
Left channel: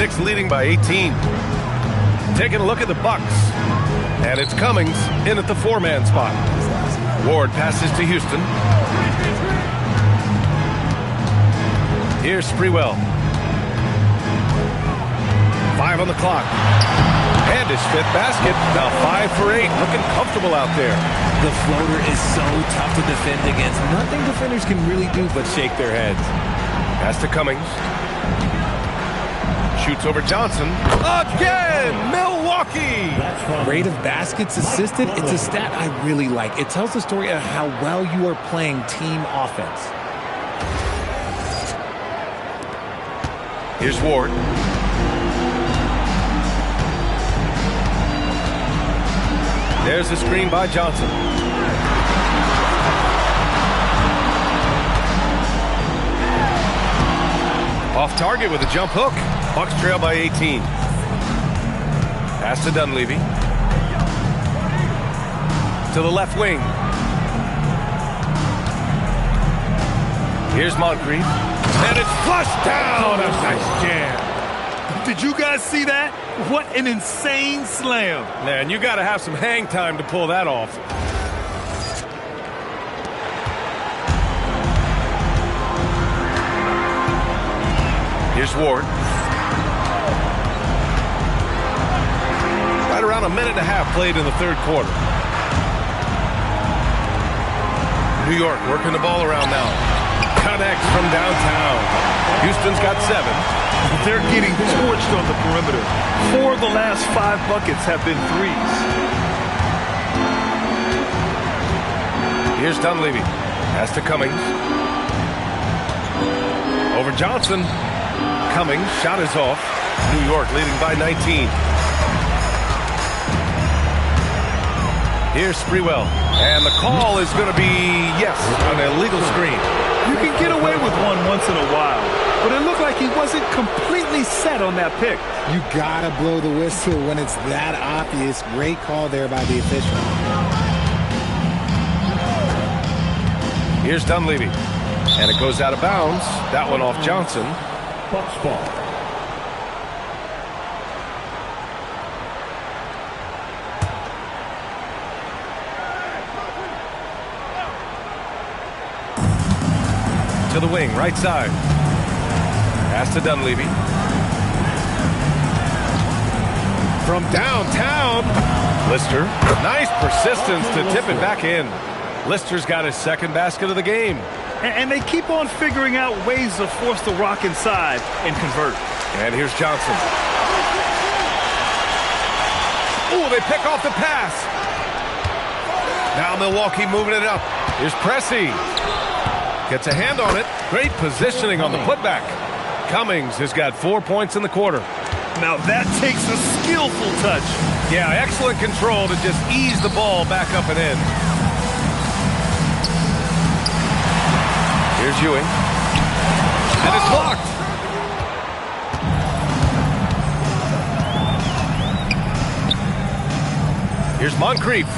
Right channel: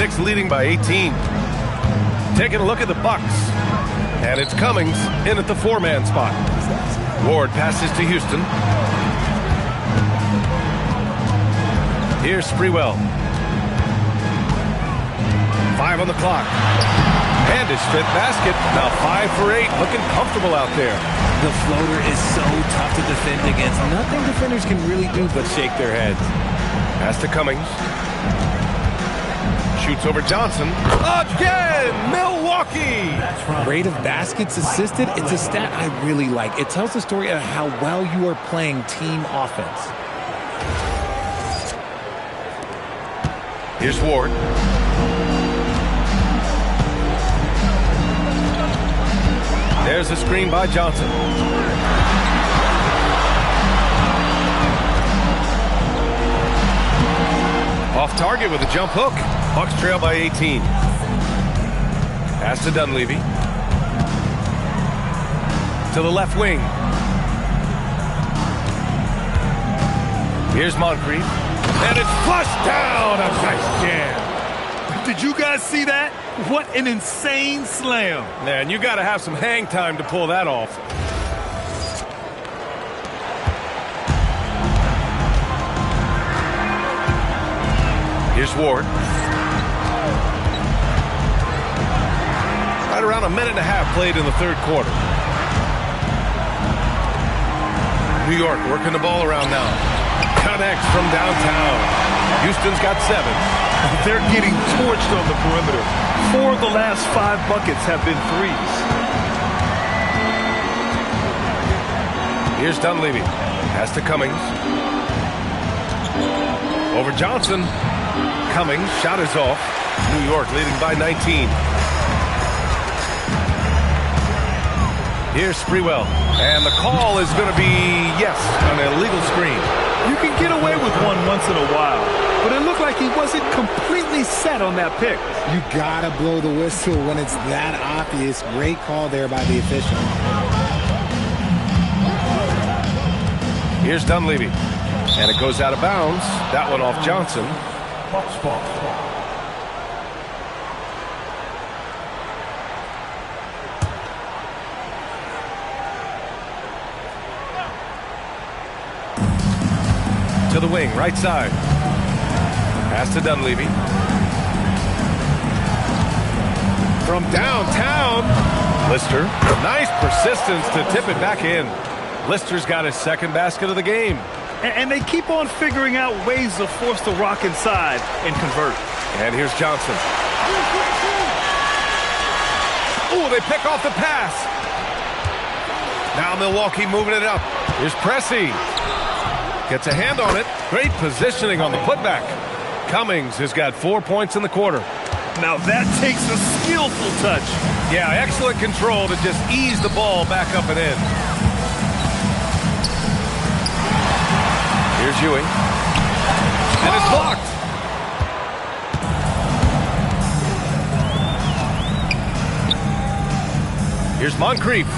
Knicks leading by 18. Taking a look at the Bucks. And it's Cummings in at the 4-man spot. Ward passes to Houston. Here's Sprewell. 5 on the clock. And his 5th basket. Now 5 for 8. Looking comfortable out there. The floater is so tough to defend against. Nothing defenders can really do but shake their heads. Pass to Cummings. Shoots over Johnson. Again! Milwaukee! Rate of baskets assisted, it's a stat I really like. It tells the story of how well you are playing team offense. Here's Ward. There's a screen by Johnson. Off target with a jump hook. Bucks trail by 18. Pass to Dunleavy. To the left wing. Here's Moncrief. And it's flushed down. A nice jam. Did you guys see that? What an insane slam. Man, you got to have some hang time to pull that off. Here's Ward. Right around a minute and a half played in the third quarter. New York working the ball around now. Connects from downtown. Houston's got 7. They're getting torched on the perimeter. 4 of the last 5 buckets have been threes. Here's Dunleavy. Pass to Cummings. Over Johnson. Cummings, shot is off. New York leading by 19. Here's Sprewell. And the call is going to be, yes, an illegal screen. You can get away with one once in a while, but it looked like he wasn't completely set on that pick. You gotta blow the whistle when it's that obvious. Great call there by the official. Here's Dunleavy. And it goes out of bounds. That one off Johnson. Bucks ball. To the wing, right side. Pass to Dunleavy. From downtown, Lister. Nice persistence to tip it back in. Lister's got his 2nd basket of the game. And they keep on figuring out ways to force the rock inside and convert. And here's Johnson. Oh, they pick off the pass. Now Milwaukee moving it up. Here's Pressey. Gets a hand on it. Great positioning on the putback. Cummings has got 4 points in the quarter. Now that takes a skillful touch. Yeah, excellent control to just ease the ball back up and in. Here's Ewing. And it's blocked. Here's Moncrief.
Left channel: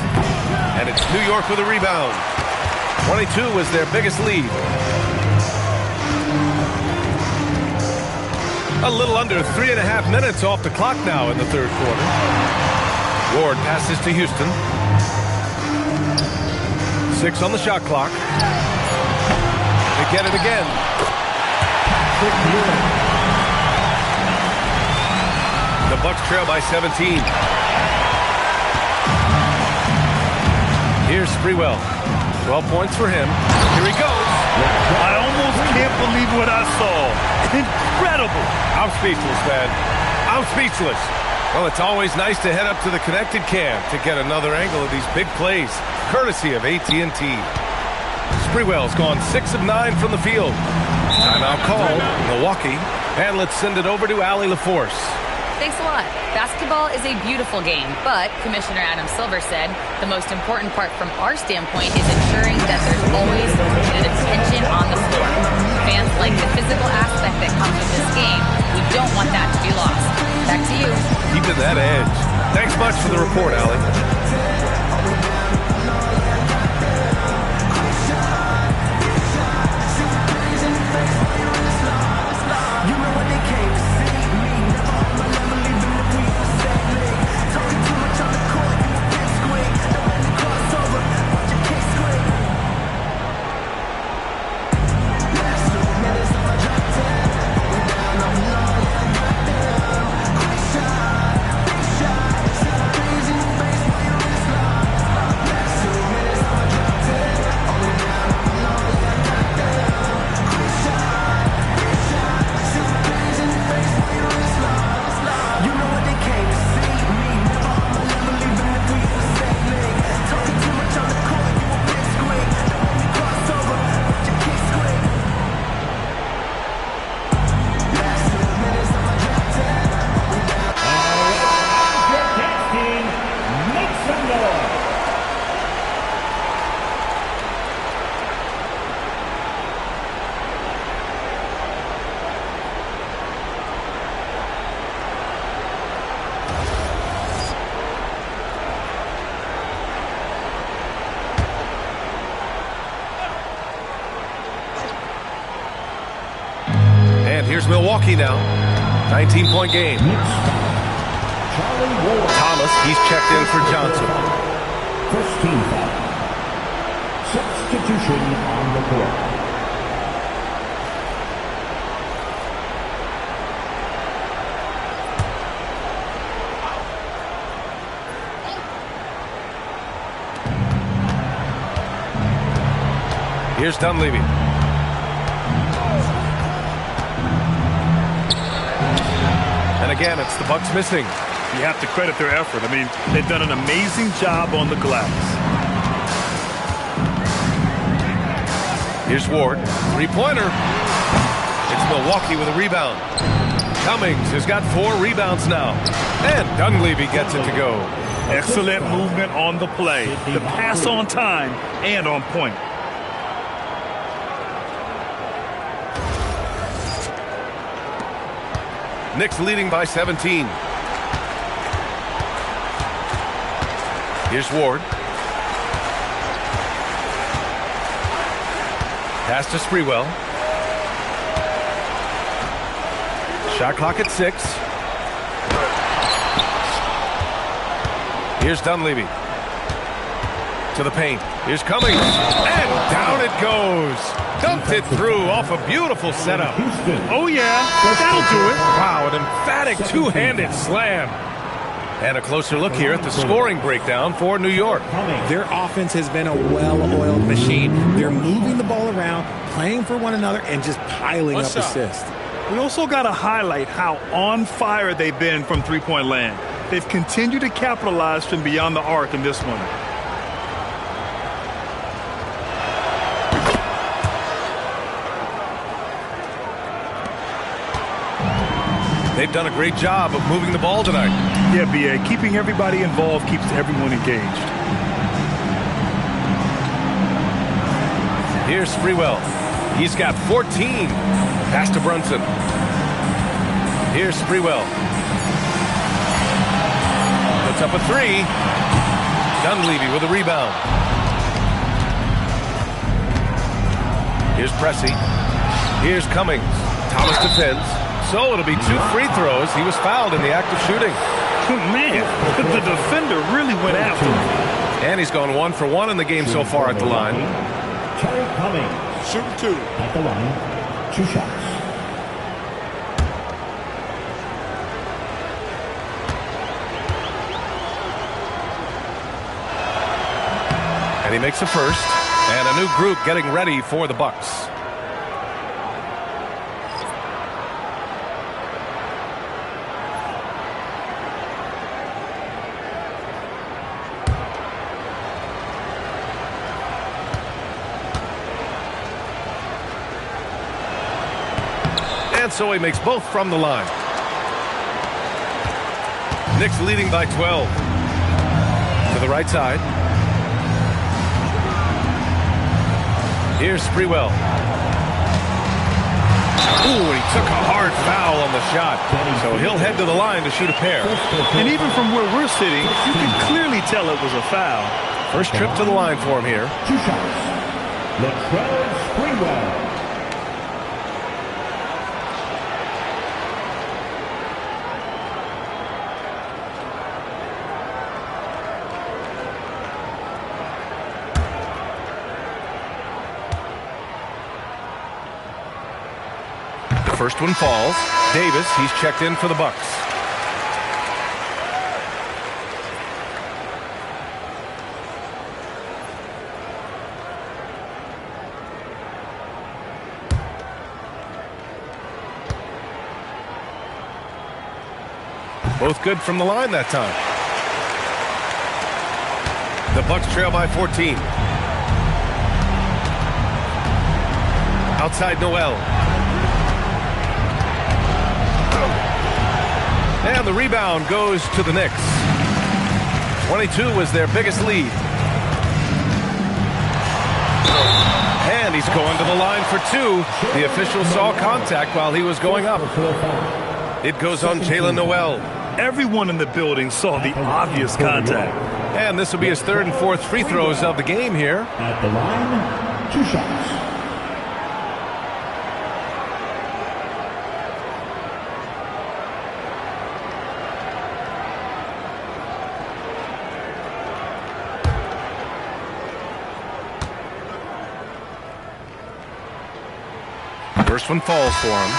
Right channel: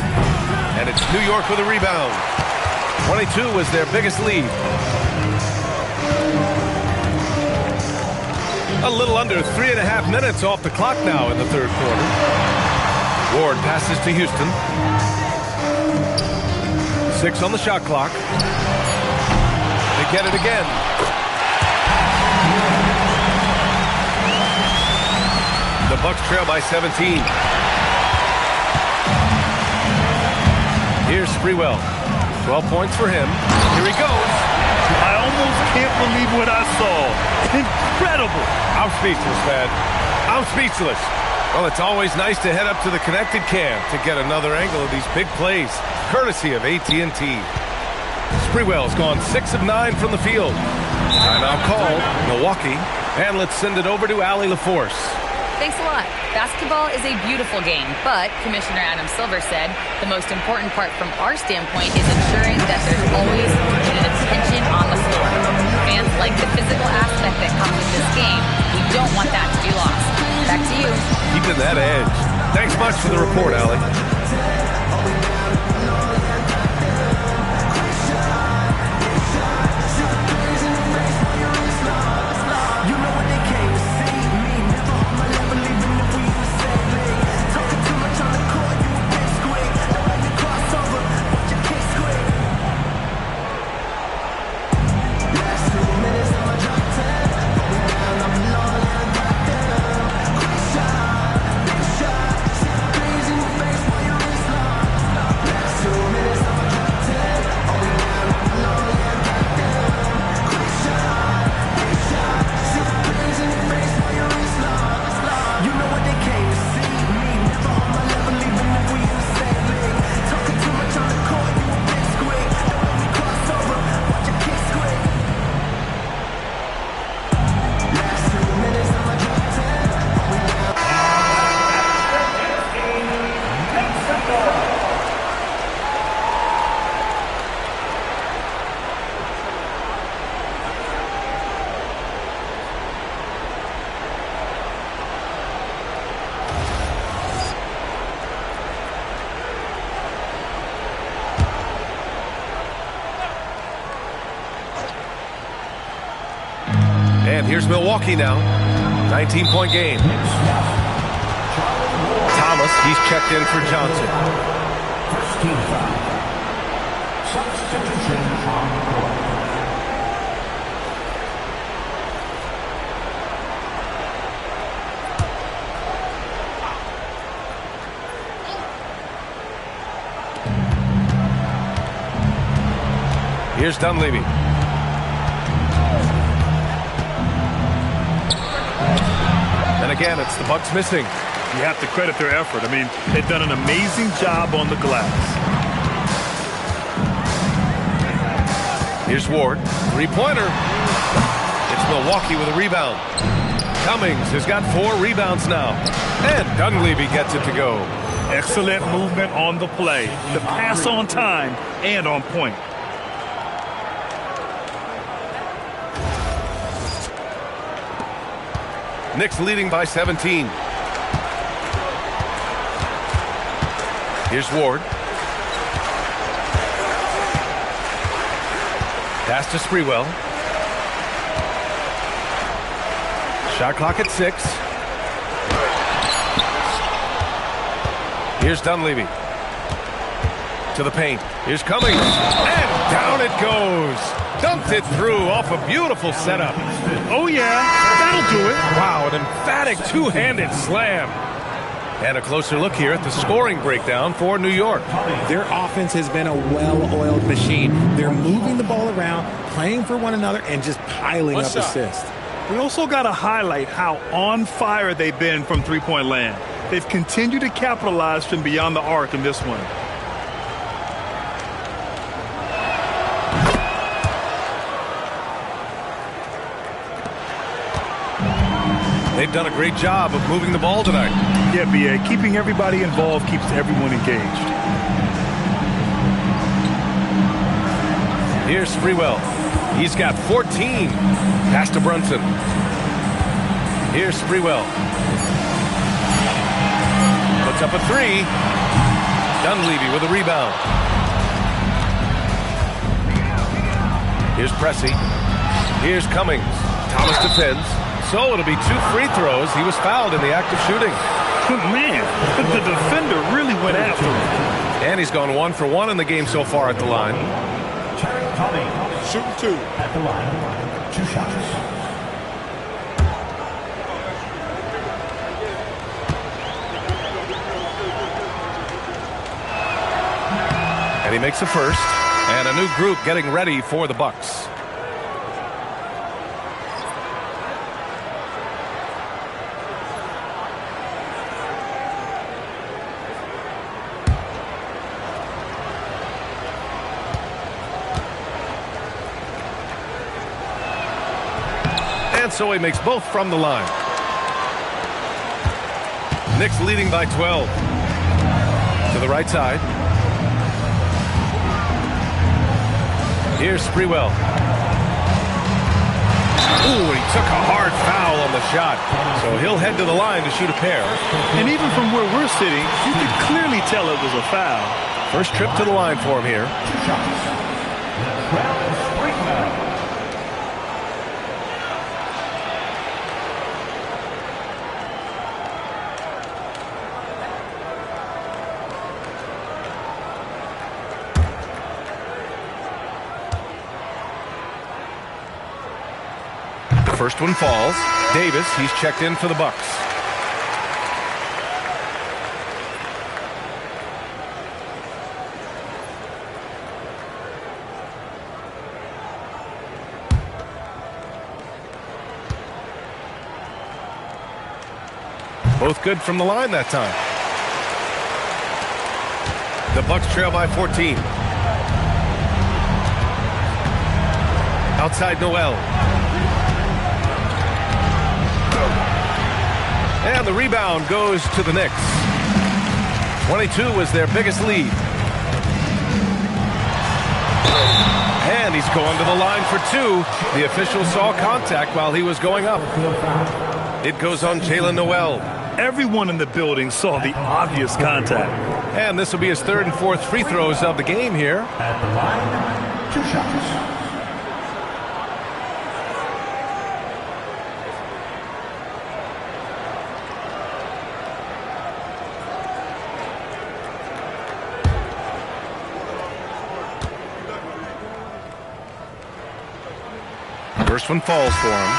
And it's New York with a rebound. 22 was their biggest lead. A little under 3.5 minutes off the clock now in the third quarter. Ward passes to Houston. 6 on the shot clock. They get it again. The Bucks trail by 17. Here's Sprewell. 12 points for him. Here he goes. I almost can't believe what I saw. Incredible. I'm speechless, man. I'm speechless. Well, it's always nice to head up to the connected cam to get another angle of these big plays, courtesy of AT&T. Sprewell's gone 6 of 9 from the field. Timeout called, Milwaukee. And let's send it over to Allie LaForce. Thanks a lot. Basketball is a beautiful game, but Commissioner Adam Silver said the most important part from our standpoint is ensuring that there's always limited attention on the floor. Fans like the physical aspect that comes with this game. We don't want that to be lost. Back to you. Keeping that edge. Thanks much for the report, Allie. You know what they came to see, me never And here's Milwaukee now. 19-point game. Thomas, he's checked in for Johnson. First team foul. Substitution on the court. Here's Dunleavy. And again, it's the Bucks missing. You have to credit their effort. I mean, they've done an amazing job on the glass. Here's Ward. Three-pointer. It's Milwaukee with a rebound. Cummings has got 4 rebounds now. And Dunleavy gets it to go. Excellent movement on the play. The pass on time and on point. Knicks leading by 17. Here's Ward. Pass to Sprewell. Shot clock at 6. Here's Dunleavy. To the paint. Here's Cummings. And down it goes. Dumped it through off a beautiful setup. Oh, yeah. That'll do it. Wow, an emphatic two-handed slam. And a closer look here at the scoring breakdown for New York. Their offense has been a well-oiled machine. They're moving the ball around, playing for one another, and just piling up assists. We also got to highlight how on fire they've been from three-point land. They've continued to capitalize from beyond the arc in this one. They've done a great job of moving the ball tonight. Yeah, B.A. Keeping everybody involved keeps everyone engaged. Here's Sprewell. He's got 14. Pass to Brunson. Here's Sprewell. Puts up a 3. Dunleavy with a rebound. Here's Pressey. Here's Cummings. Thomas defends. So it'll be 2 free throws. He was fouled in the act of shooting. Man, the defender really went after him. And he's gone 1 for 1 in the game so far at the line. Terry Cummings. Shooting 2. At the line, 2 shots. And he makes a first. And a new group getting ready for the Bucks. And so he makes both from the line. Knicks leading by 12. To the right side. Here's Sprewell. Ooh, and he took a hard foul on the shot. So he'll head to the line to shoot a pair. And even from where we're sitting, you can clearly tell it was a foul. First trip to the line for him here. 2 shots. Latrell Sprewell. First one falls. Davis, he's checked in for the Bucks. Both good from the line that time. The Bucks trail by 14. Outside Noel. And the rebound goes to the Knicks. 22 was their biggest lead. And he's going to the line for 2. The official saw contact while he was going up. It goes on Jalen Noel. Everyone in the building saw the obvious contact. And this will be his 3rd and 4th free throws of the game here. At the line, 2 shots. First one falls for him.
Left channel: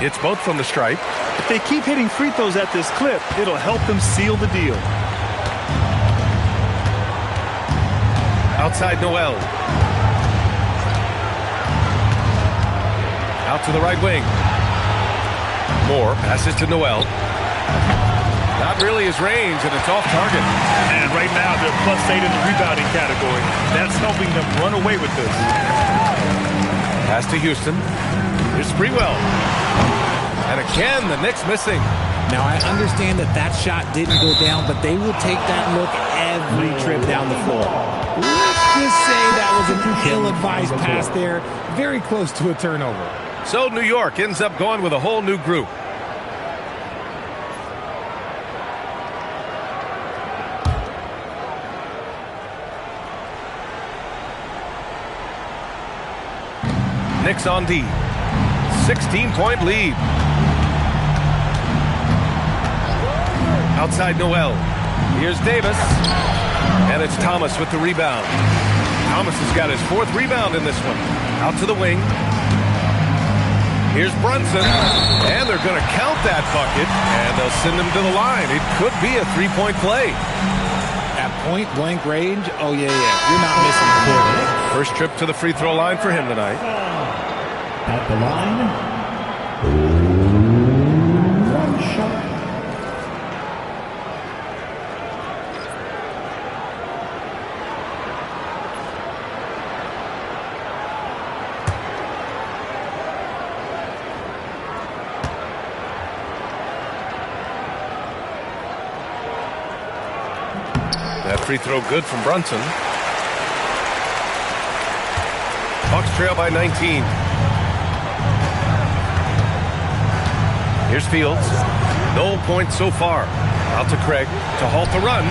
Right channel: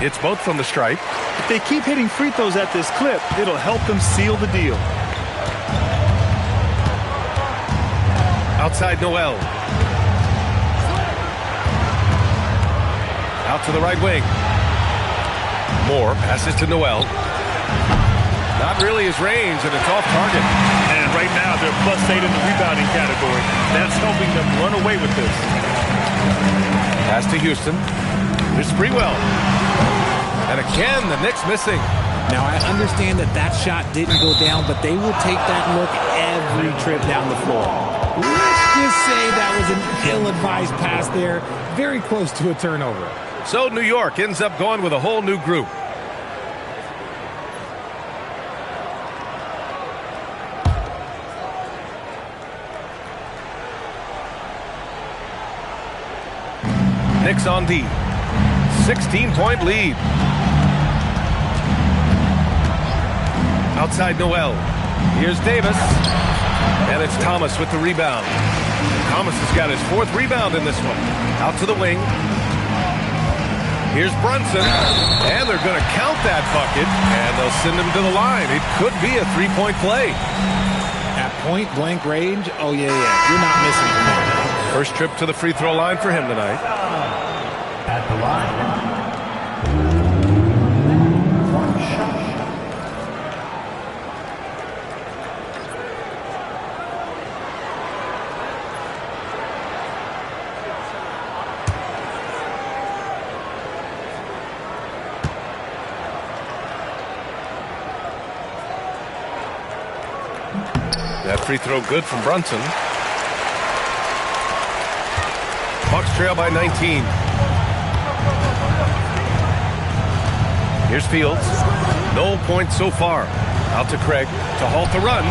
It's both from the stripe. If they keep hitting free throws at this clip, it'll help them seal the deal. Outside Noel. Out to the right wing. Moore passes to Noel. Not really his range, and it's off target. And right now, they're +8 in the rebounding category. That's helping them run away with this. Pass to Houston. Here's Sprewell. And again, the Knicks missing. Now, I understand that shot didn't go down, but they will take that look every trip down the floor. Let's just say that was an ill-advised pass there, very close to a turnover. So New York ends up going with a whole new group. Knicks on D. 16-point lead. Outside Noel. Here's Davis. And it's Thomas with the rebound. Thomas has got his 4th rebound in this one. Out to the wing. Here's Brunson. And they're going to count that bucket. And they'll send him to the line. It could be a 3-point play. At point-blank range, oh, yeah. You're not missing from there. First trip to the free throw line for him tonight. At the line, 1 shot. That free throw good from Brunson. Bucks trail by 19. Here's Fields. No points so far. Out to Craig to halt the run.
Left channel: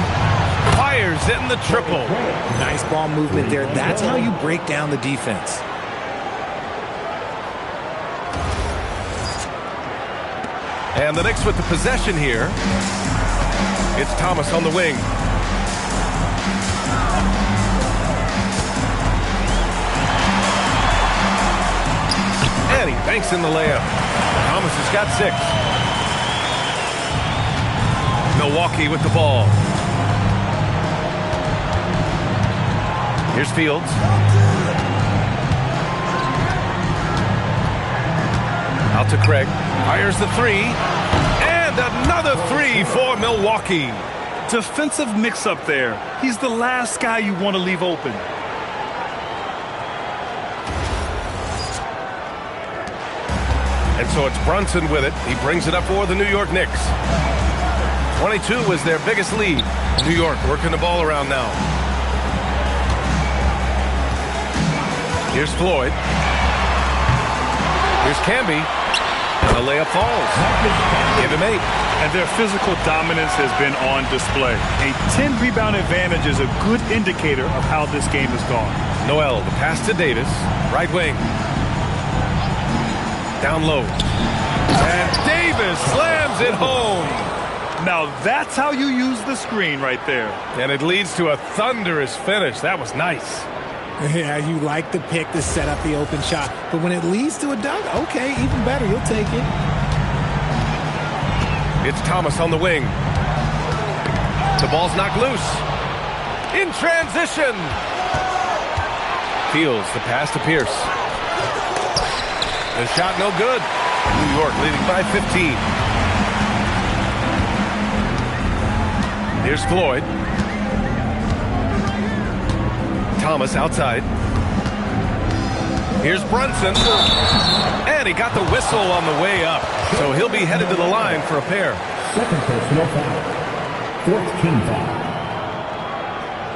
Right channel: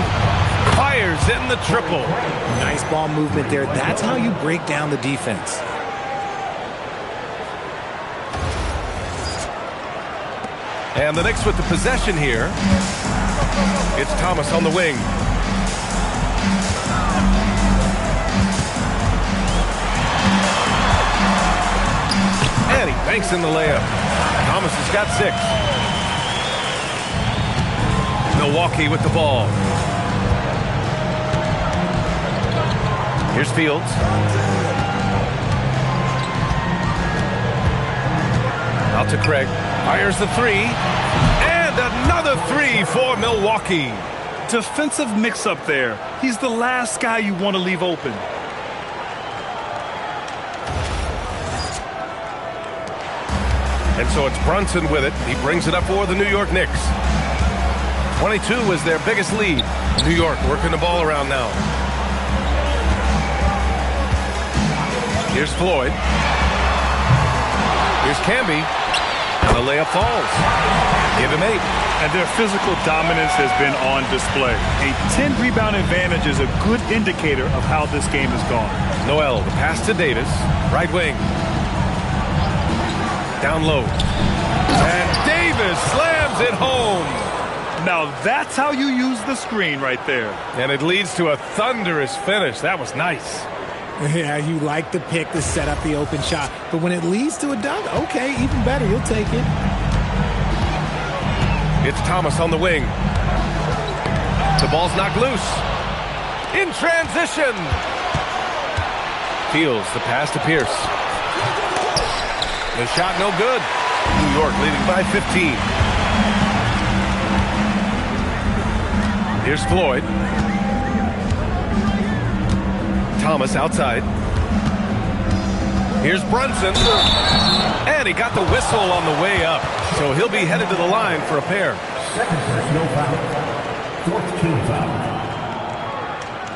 Fires in the triple. Nice ball movement there. That's how you break down the defense. And the Knicks with the possession here. It's Thomas on the wing. And he banks in the layup. Thomas has got 6. Milwaukee with the ball. Here's Fields. Out to Craig. Fires the 3. And another 3 for Milwaukee. Defensive mix-up there. He's the last guy you want to leave open. And so it's Brunson with it. He brings it up for the New York Knicks. 22 was their biggest lead. New York working the ball around now. Here's Floyd. Here's Camby. And the layup falls. Give him 8. And their physical dominance has been on display. A 10-rebound advantage is a good indicator of how this game has gone. Noel, the pass to Davis. Right wing. Down low. And Davis slams it home. Now that's how you use the screen right there. And it leads to a thunderous finish. That was nice. Yeah, you like the pick to set up the open shot. But when it leads to a dunk, okay, even better. You'll take it. It's Thomas on the wing. The ball's knocked loose. In transition. Fields the pass to Pierce. The shot no good. New York leading by 15. Here's Floyd. Thomas outside. Here's Brunson. And he got the whistle on the way up. So he'll be headed to the line for a pair. Second personal foul. 4th team foul.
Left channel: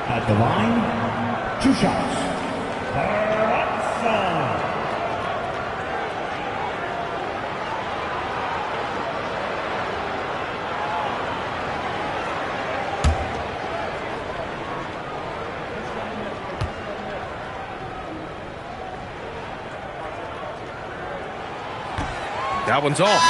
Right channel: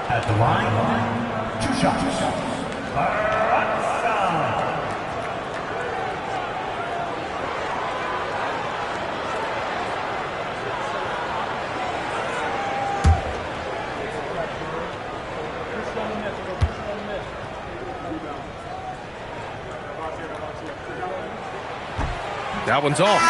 At the line, 2 shots. That one's off.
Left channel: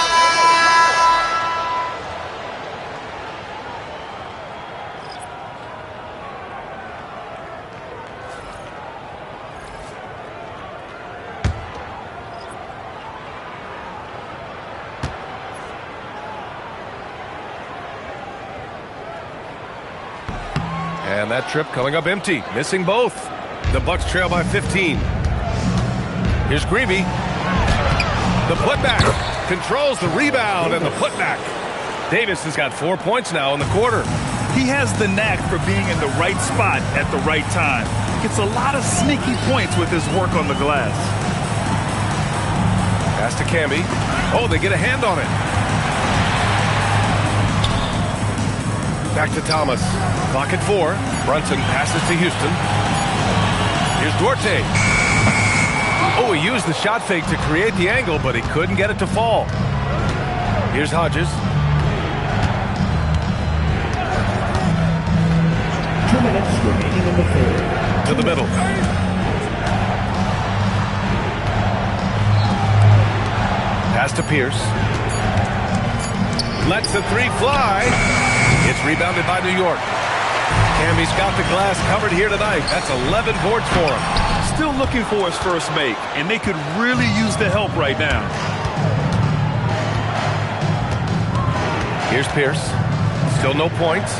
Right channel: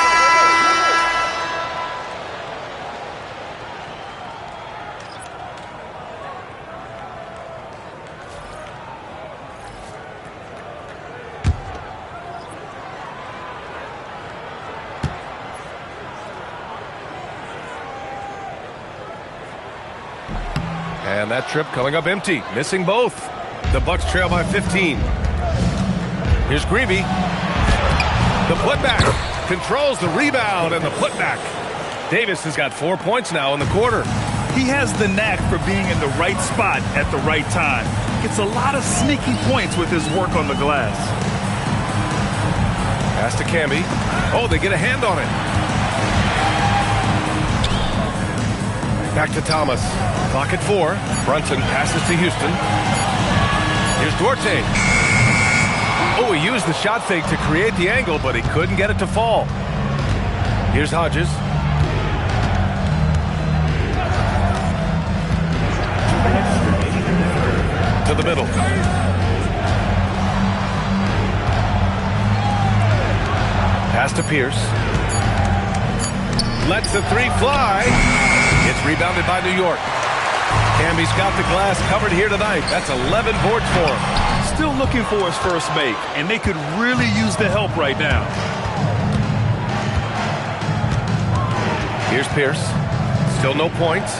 And that trip coming up empty, missing both. The Bucks trail by 15. Here's Greavy. The putback. Controls the rebound and the putback. Davis has got 4 points now in the quarter. He has the knack for being in the right spot at the right time. Gets a lot of sneaky points with his work on the glass. Pass to Camby. Oh, they get a hand on it. Back to Thomas. Clock at 4. Brunson passes to Houston. Here's Duarte. Oh, he used the shot fake to create the angle, but he couldn't get it to fall. Here's Hodges. 2 minutes remaining in the third. To the middle. Pass to Pierce. Lets the three fly. It's rebounded by New York. Camby's got the glass covered here tonight. That's 11 boards for him. Still looking for his first make, and they could really use the help right now. Here's Pierce. Still no points.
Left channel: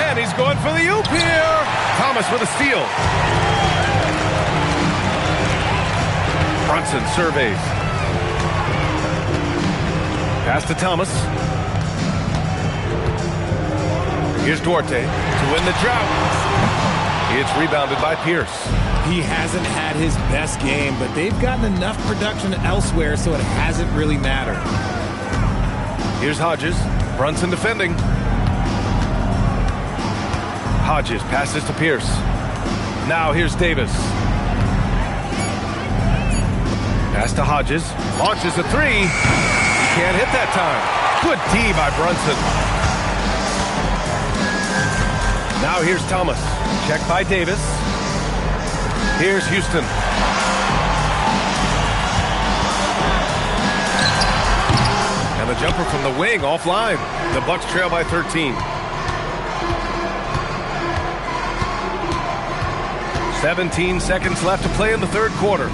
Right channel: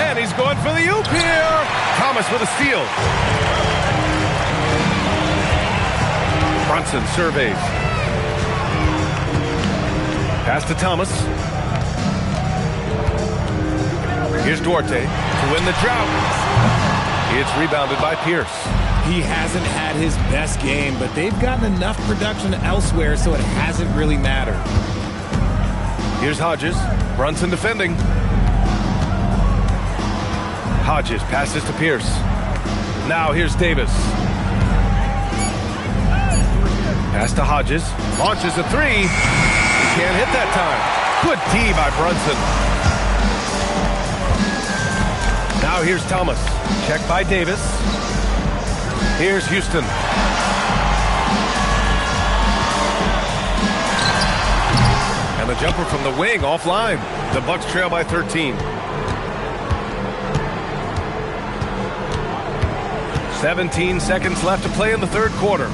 And he's going for the oop here. Thomas with a steal. Brunson surveys. Pass to Thomas. Here's Duarte to win the drought. It's rebounded by Pierce. He hasn't had his best game, but they've gotten enough production elsewhere, so it hasn't really mattered. Here's Hodges. Brunson defending. Hodges passes to Pierce. Now here's Davis. Pass to Hodges. Launches a three. He can't hit that time. Good D by Brunson. Now here's Thomas. Check by Davis. Here's Houston. And the jumper from the wing offline. The Bucks trail by 13. 17 seconds left to play in the third quarter.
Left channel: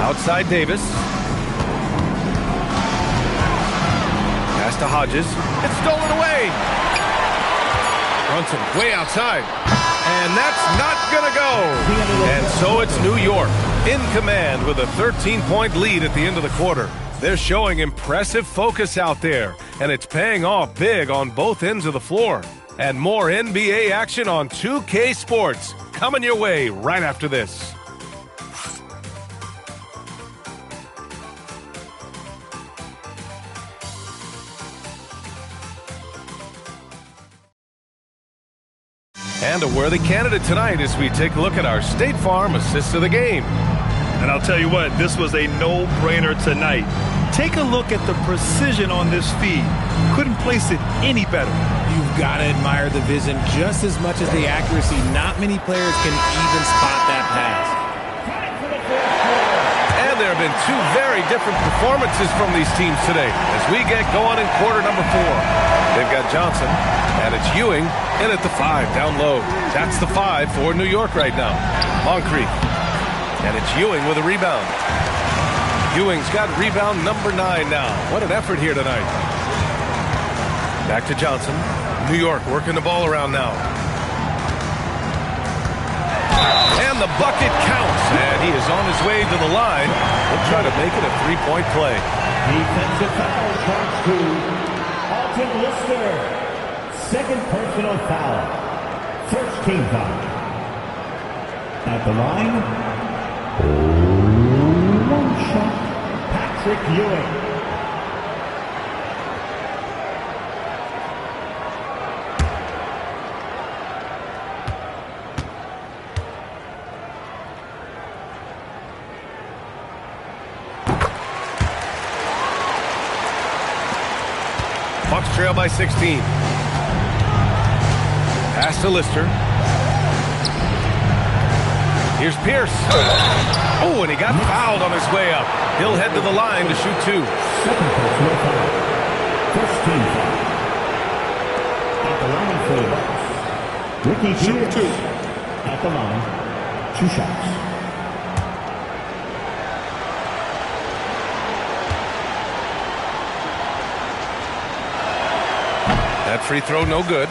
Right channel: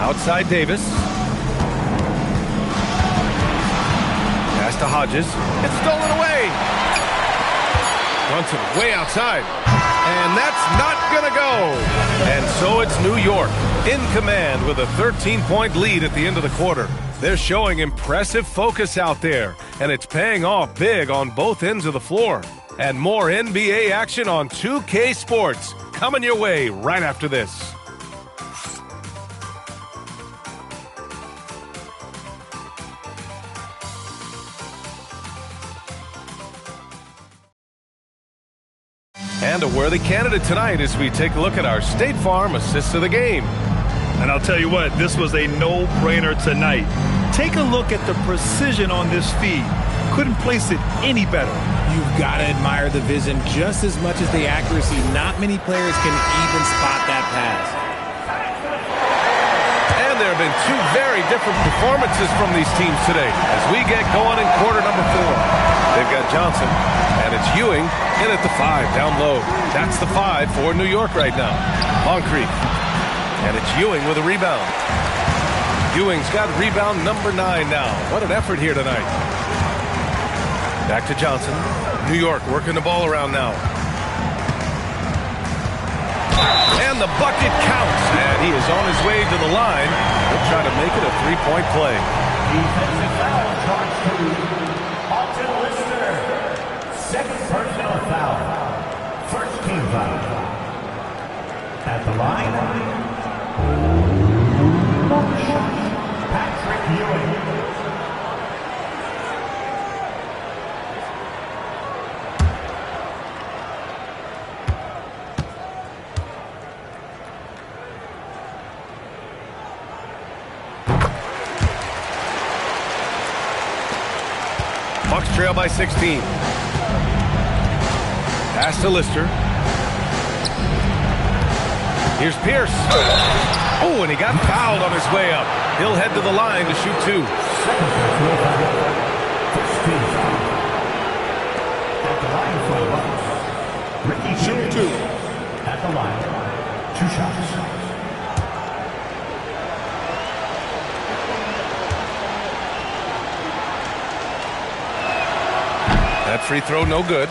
Outside Davis. Pass to Hodges. It's stolen away. Brunson way outside. And that's not going to go. And so it's New York in command with a 13-point lead at the end of the quarter. They're showing impressive focus out there, and it's paying off big on both ends of the floor. And more NBA action on 2K Sports coming your way right after this. And a worthy candidate tonight as we take a look at our State Farm Assist of the Game. And I'll tell you what, this was a no-brainer tonight. Take a look at the precision on this feed. Couldn't place it any better. You've got to admire the vision just as much as the accuracy. Not many players can even spot that pass. And there have been two very different performances from these teams today as we get going in quarter number 4. They've got Johnson, and it's Ewing in at the 5, down low. That's the 5 for New York right now. Moncrief. And it's Ewing with a rebound. Ewing's got rebound number 9 now. What an effort here tonight. Back to Johnson. New York working the ball around now. And the bucket counts. And he is on his way to the line. He'll try to make it a 3-point play. Defensive foul charged to Alton Lister. Second personal foul. First team foul. At the line, one shot, Patrick Ewing. Bucks trail by 16. Pass to Lister. Here's Pierce. Oh, and he got fouled on his way up. He'll head to the line to shoot 2. Second personal foul. First team foul. At the line for the Bucks, Ricky Shoot 2. At the line, 2 shots. That free throw no good.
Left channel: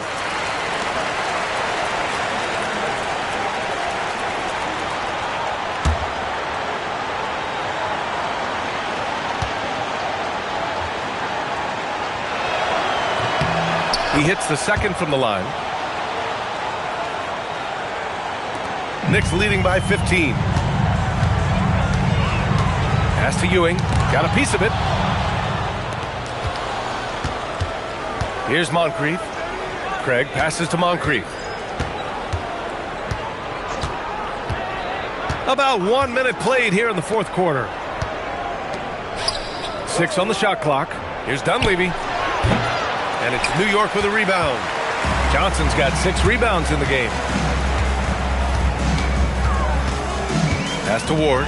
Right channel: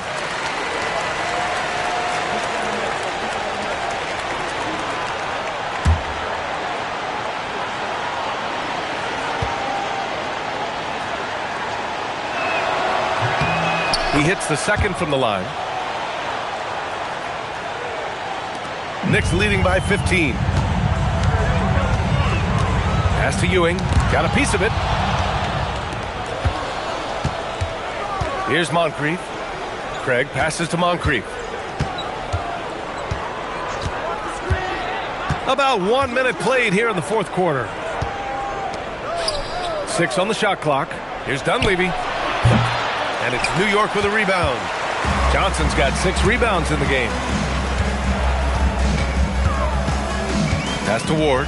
He hits the second from the line. Knicks leading by 15. Pass to Ewing. Got a piece of it. Here's Moncrief. Craig passes to Moncrief. About 1 minute played here in the fourth quarter. 6 on the shot clock. Here's Dunleavy. And it's New York with a rebound. Johnson's got 6 rebounds in the game. Pass to Ward.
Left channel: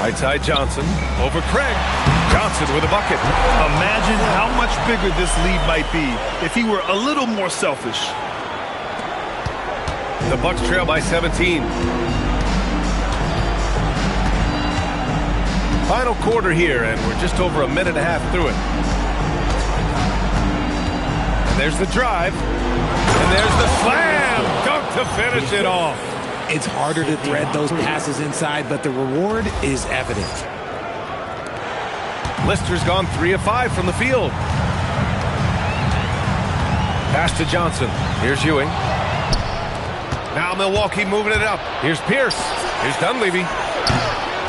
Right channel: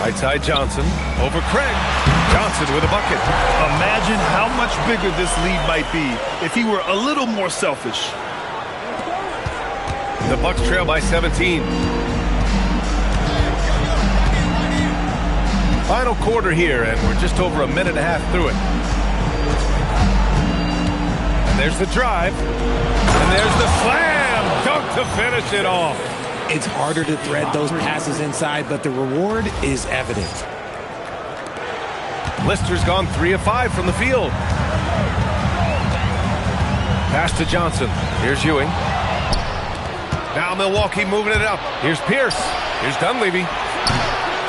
Right side Johnson over Craig. Johnson with a bucket. Imagine how much bigger this lead might be if he were a little more selfish. The Bucks trail by 17. Final quarter here, and we're just over a minute and a half through it. And there's the drive. And there's the slam dunk to finish it off. It's harder to thread those passes inside, but the reward is evident. Lister's gone 3 of 5 from the field. Pass to Johnson. Here's Ewing. Now Milwaukee moving it up. Here's Pierce. Here's Dunleavy.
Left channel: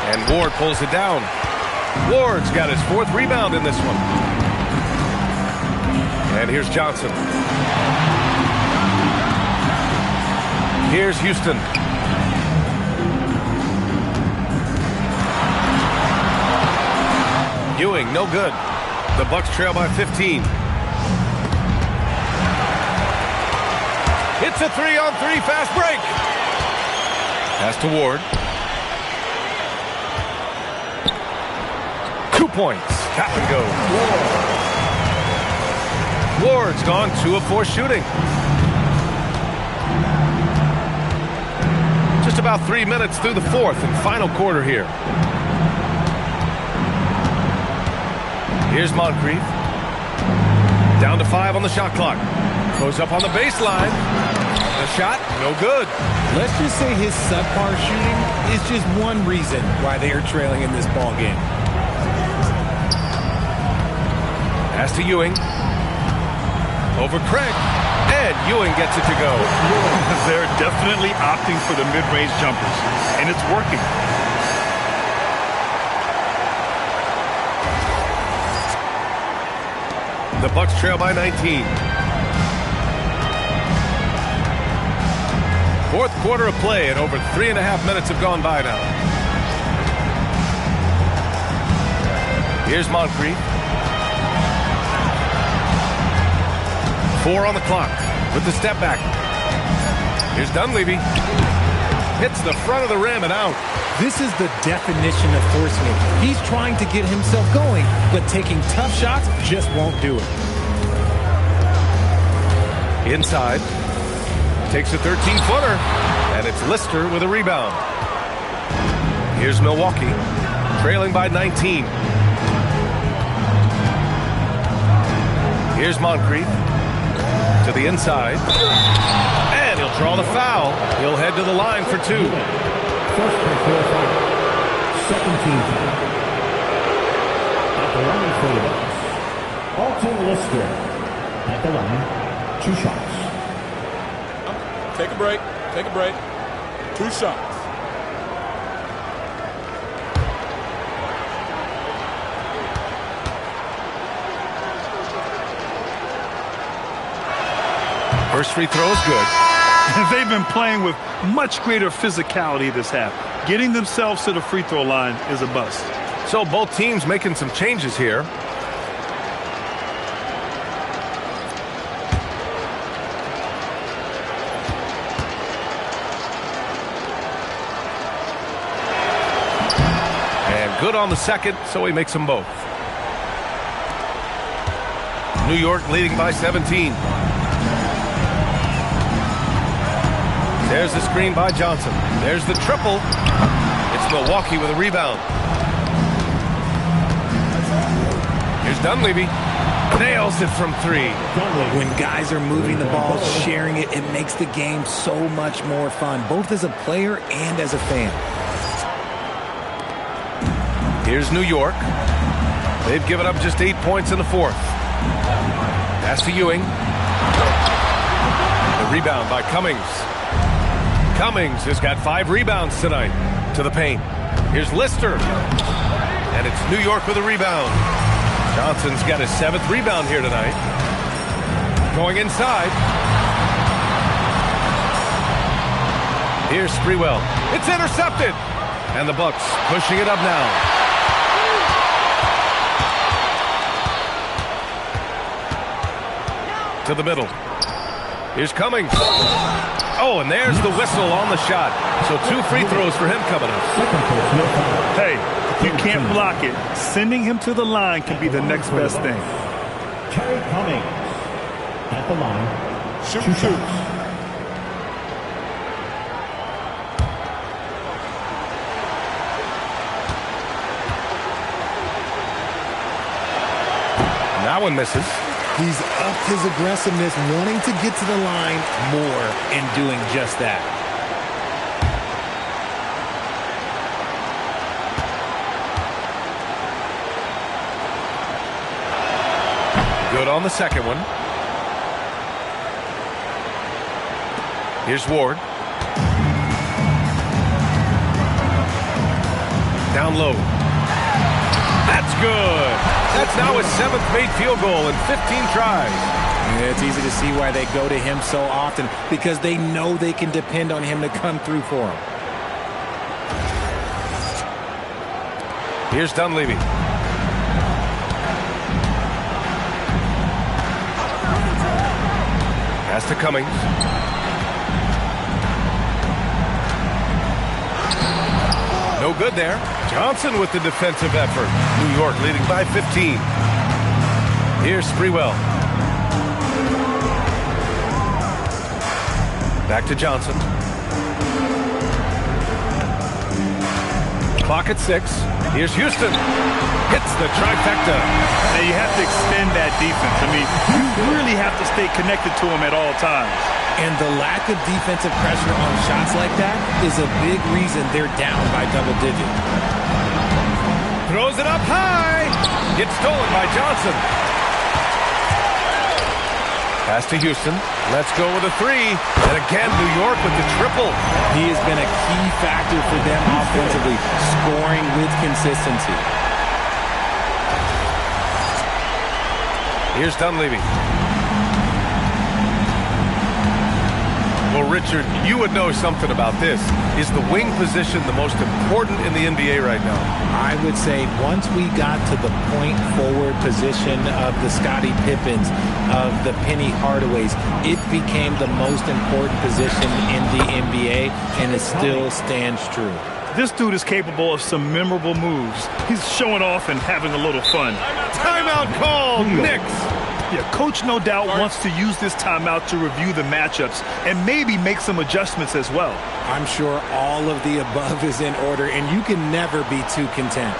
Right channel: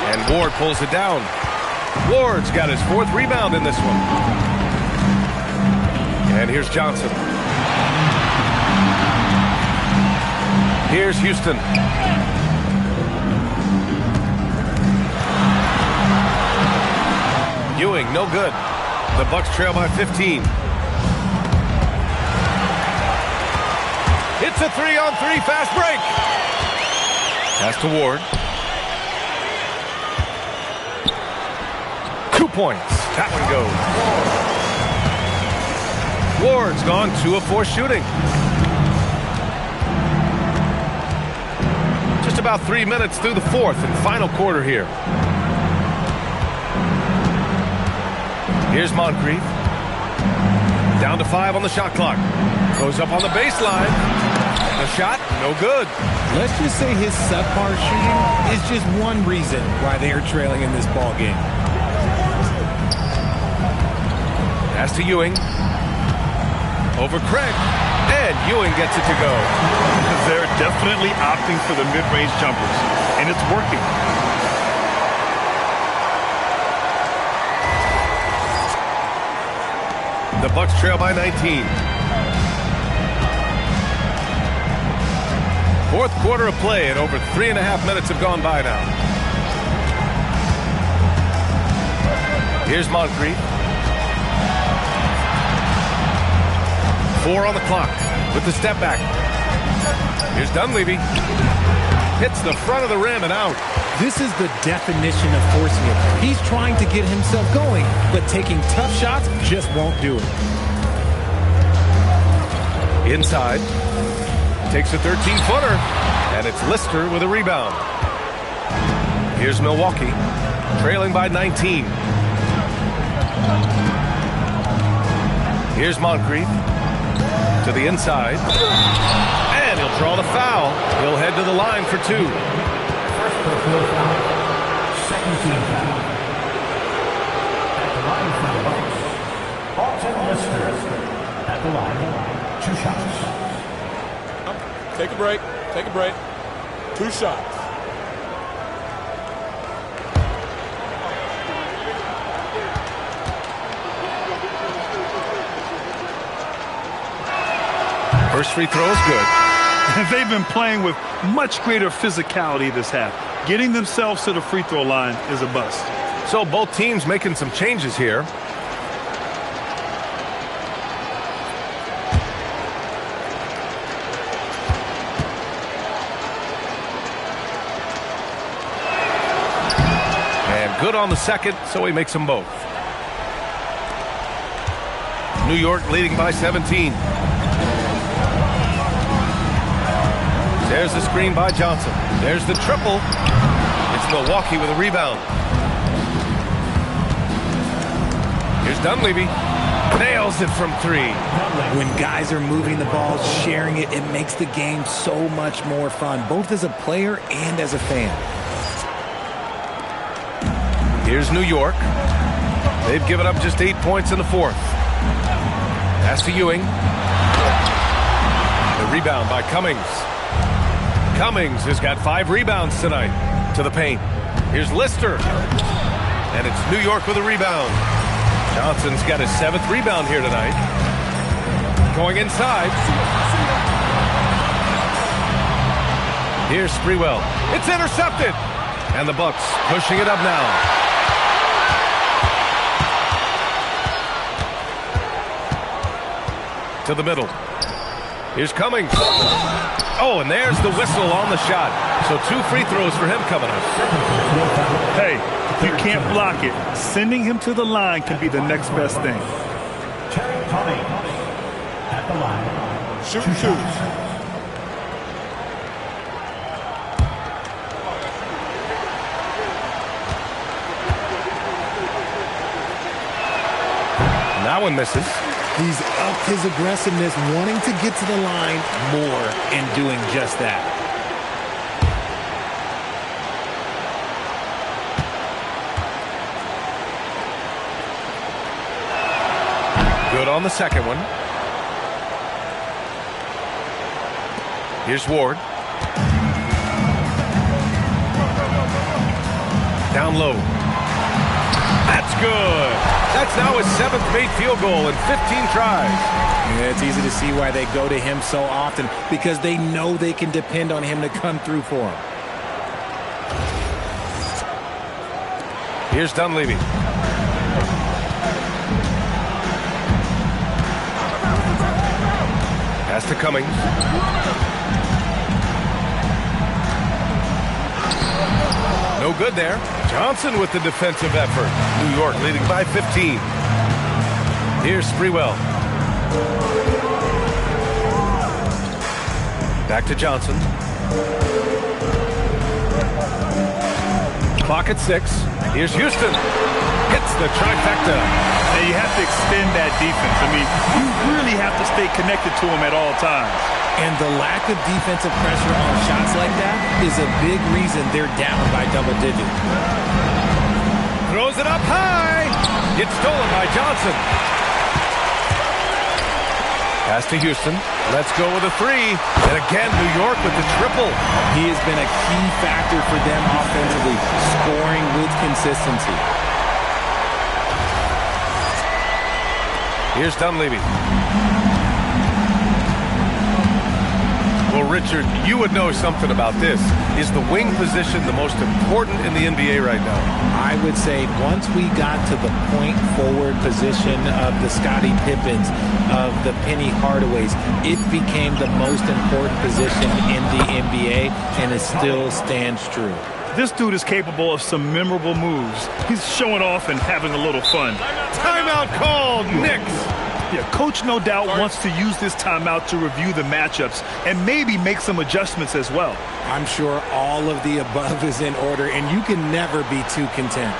And Ward pulls it down. Ward's got his 4th rebound in this one. And here's Johnson. Here's Houston. Ewing, no good. The Bucks trail by 15. It's a 3-on-3 fast break. Pass to Ward. 2 points. That one goes. Ward's gone 2 of 4 shooting. Just about 3 minutes through the fourth and final quarter here. Here's Moncrief. Down to 5 on the shot clock. Goes up on the baseline. The shot, no good. Let's just say his subpar shooting is just one reason why they are trailing in this ball game. Pass to Ewing. Over Craig. And Ewing gets it to go. They're definitely opting for the mid-range jumpers, and it's working. The Bucks trail by 19. Fourth quarter of play, and over 3.5 minutes have gone by now. Here's Moncrief. 4 on the clock with the step back. Here's Dunleavy. Hits the front of the rim and out. This is the definition of forcing it. He's trying to get himself going, but taking tough shots just won't do it. Inside. Takes a 13-footer. And it's Lister with a rebound. Here's Milwaukee. Trailing by 19. Here's Moncrief. To the inside. And he'll draw the foul. He'll head to the line for 2. First personal foul. Second team foul. At the line for the Bucks, Alton Lister. At the line, 2 shots. Take a break. Take a break. 2 shots. First free throw is good. They've been playing with much greater physicality this half. Getting themselves to the free throw line is a bust. So both teams making some changes here. And good on the second, so he makes them both. New York leading by 17. There's the screen by Johnson. There's the triple. It's Milwaukee with a rebound. Here's Dunleavy. Nails it from three. When guys are moving the ball, sharing it, it makes the game so much more fun, both as a player and as a fan. Here's New York. They've given up just 8 points in the fourth. Pass to Ewing. The rebound by Cummings. Cummings has got 5 rebounds tonight to the paint. Here's Lister. And it's New York with a rebound. Johnson's got his 7th rebound here tonight. Going inside. Here's Sprewell. It's intercepted. And the Bucks pushing it up now. To the middle. Here's Cummings. Oh, and there's the whistle on the shot. So 2 free throws for him coming up. Hey, if you can't block it, sending him to the line can be the next best thing. Terry Cummings at the line. Shoot Two two. shots. And that one misses. He's upped his aggressiveness, wanting to get to the line more and doing just that. Good on the second one. Here's Ward. Down low. That's good. That's now his 7th made field goal in 15 tries. Yeah, it's easy to see why they go to him so often, because they know they can depend on him to come through for them. Here's Dunleavy. Pass to Cummings. No good there. Johnson with the defensive effort. New York leading by 15. Here's Sprewell. Back to Johnson. Clock at 6. Here's Houston. Hits the trifecta. Now you have to extend that defense. I mean, you really have to stay connected to him at all times. And the lack of defensive pressure on shots like that is a big reason they're down by double digits. Throws it up high. Gets stolen by Johnson. Pass to Houston. Let's go with a 3. And again, New York with the triple. He has been a key factor for them offensively, scoring with consistency. Here's Dunleavy. Well, Richard, you would know something about this. Is the wing position the most important in the NBA right now? I would say once we got to the point forward position of the Scottie Pippens, of the Penny Hardaways, it became the most important position in the NBA, and it still stands true. This dude is capable of some memorable moves. He's showing off and having a little fun. Timeout called, Knicks. Yeah, coach no doubt wants to use this timeout to review the matchups and maybe make some adjustments as well. I'm sure all of the above is in order, and you can never be too content.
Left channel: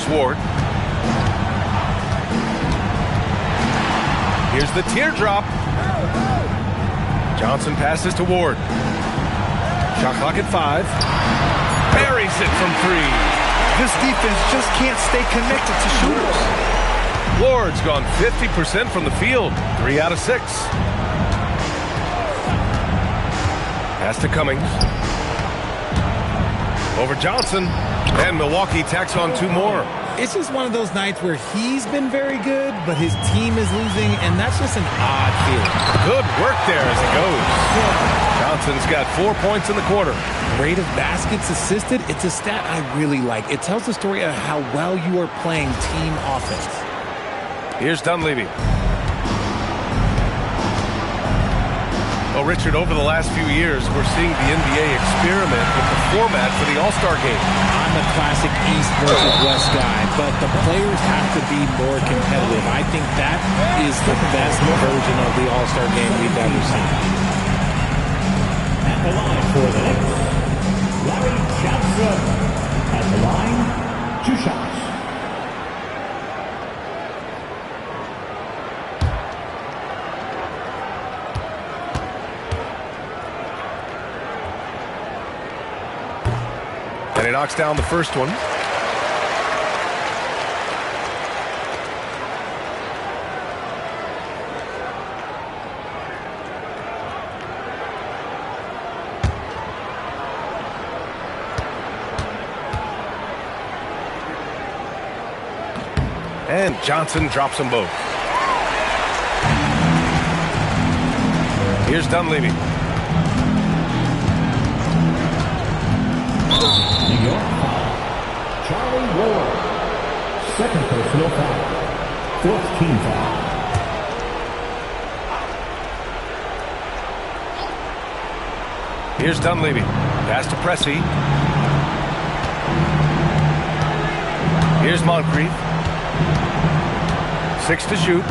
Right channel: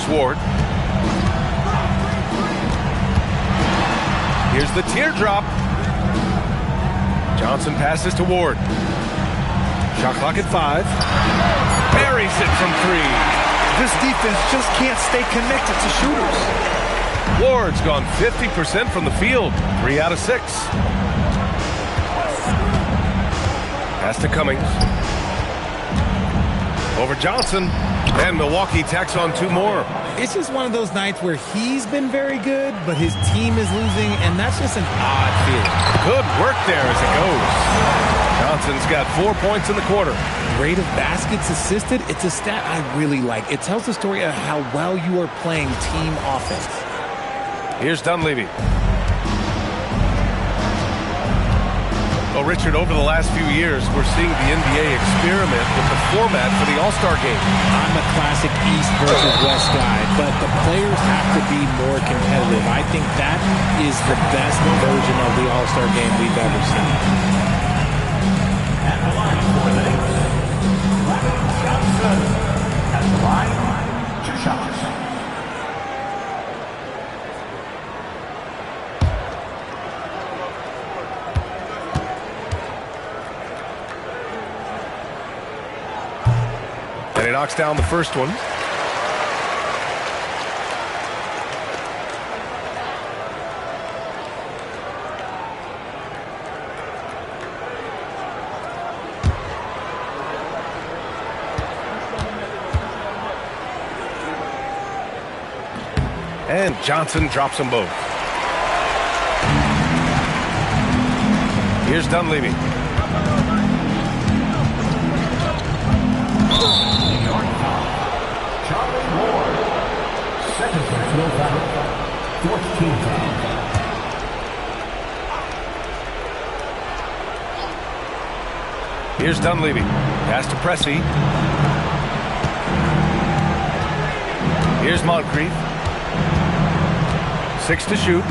Here's Ward. Here's the teardrop. Johnson passes to Ward. Shot clock at 5. Buries it from 3. This defense just can't stay connected to shooters. Ward's gone 50% from the field. 3 out of 6. Pass to Cummings. Over Johnson. And Milwaukee tacks on 2 more. It's just one of those nights where he's been very good, but his team is losing, and that's just an odd feeling. Good work there as it goes. Johnson's got 4 points in the quarter. Rate of baskets assisted, it's a stat I really like. It tells the story of how well you are playing team offense. Here's Dunleavy. Well, Richard, over the last few years, we're seeing the NBA experiment with the format for the All-Star game. I'm a classic East versus West guy, but the players have to be more competitive. I think that is the best version of the All-Star game we've ever seen. At the line for the Knicks, Larry Johnson. At the line, 2 shots. And he knocks down the first one. And Johnson drops them both. Here's Dunleavy. Second personal foul. 4th team foul. Here's Dunleavy. Pass to Pressey. Here's Moncrief. 6 to shoot.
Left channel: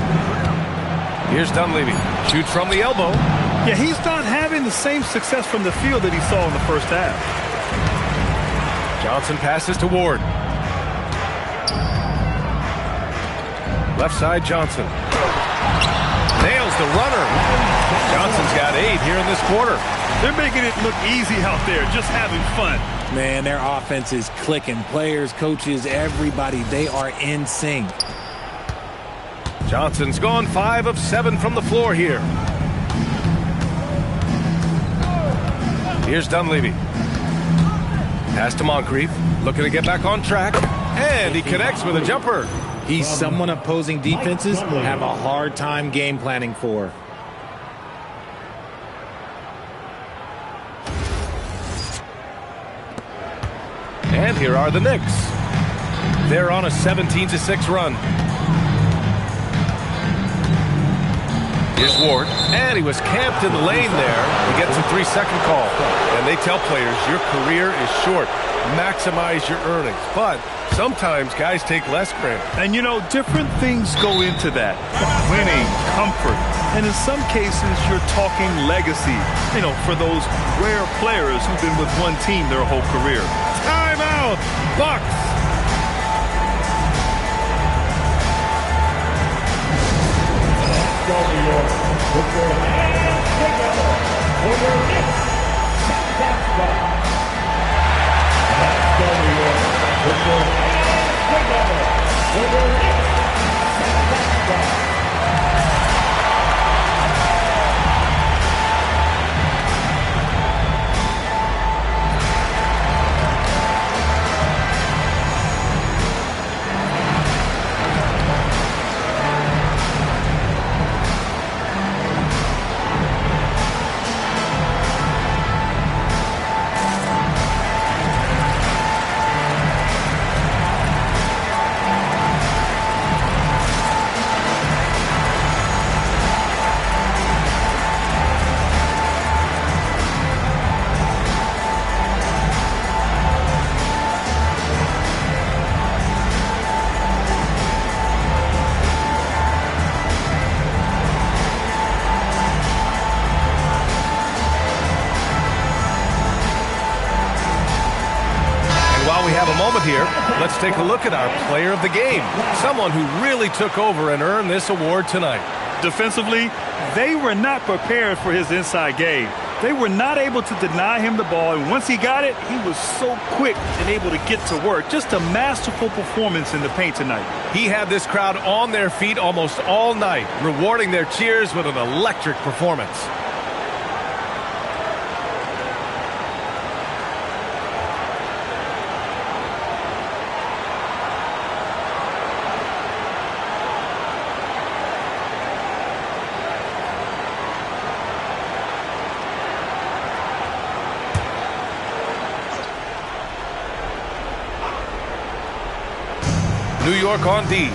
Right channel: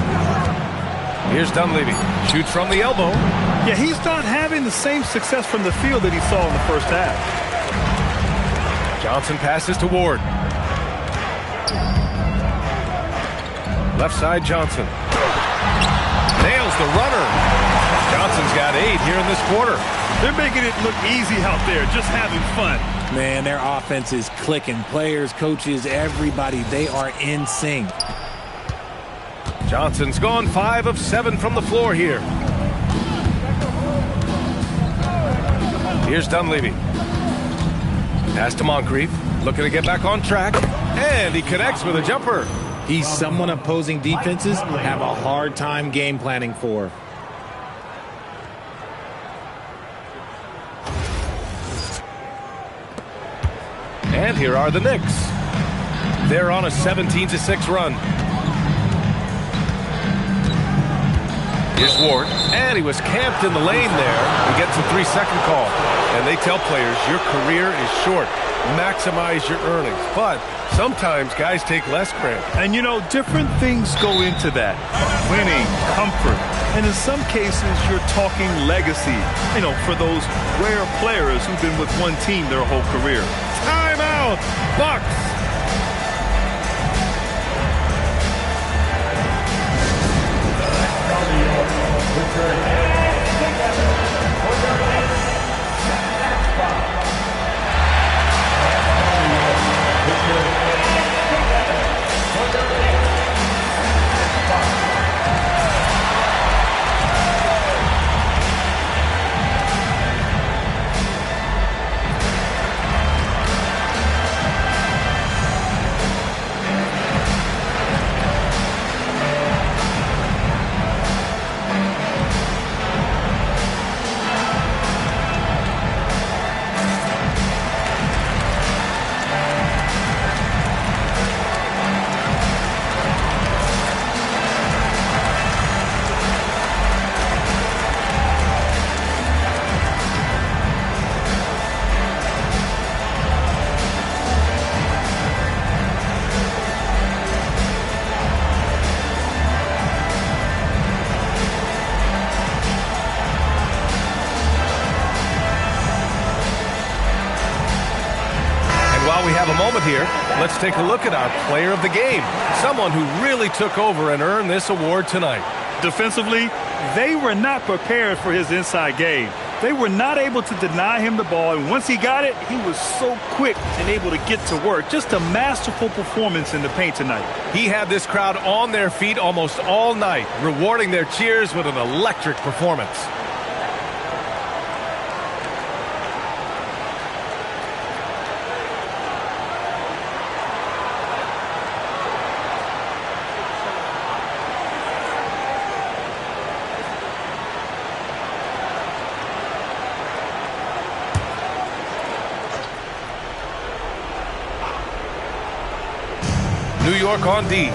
Here's Dunleavy. Shoots from the elbow. Yeah, he's not having the same success from the field that he saw in the first half. Johnson passes to Ward. Left side, Johnson. Nails the runner. Johnson's got 8 here in this quarter. They're making it look easy out there, just having fun. Man, their offense is clicking. Players, coaches, everybody, they are in sync. Johnson's gone 5 of 7 from the floor here. Here's Dunleavy. Pass to Moncrief. Looking to get back on track. And he connects with a jumper. He's someone opposing defenses have a hard time game planning for. And here are the Knicks. They're on a 17-6 run. Here's Ward. And he was camped in the lane there. He gets a 3-second call. And they tell players, your career is short. Maximize your earnings. But sometimes guys take less, Grant. And, you know, different things go into that. Winning, comfort, and in some cases, you're talking legacy. You know, for those rare players who've been with one team their whole career. Timeout, Bucks. New York, put your hands together for your Knicks. That's fun. Let's go, New York. Put your hands together for your Knicks. That's fun. While we have a moment here, Let's take a look at our player of the game, someone who really took over and earned this award tonight. Defensively, they were not prepared for his inside game. They were not able to deny him the ball, and once he got it, he was so quick and able to get to work. Just a masterful performance in the paint tonight. He had this crowd on their feet almost all night, rewarding their cheers with an electric performance. New York on D.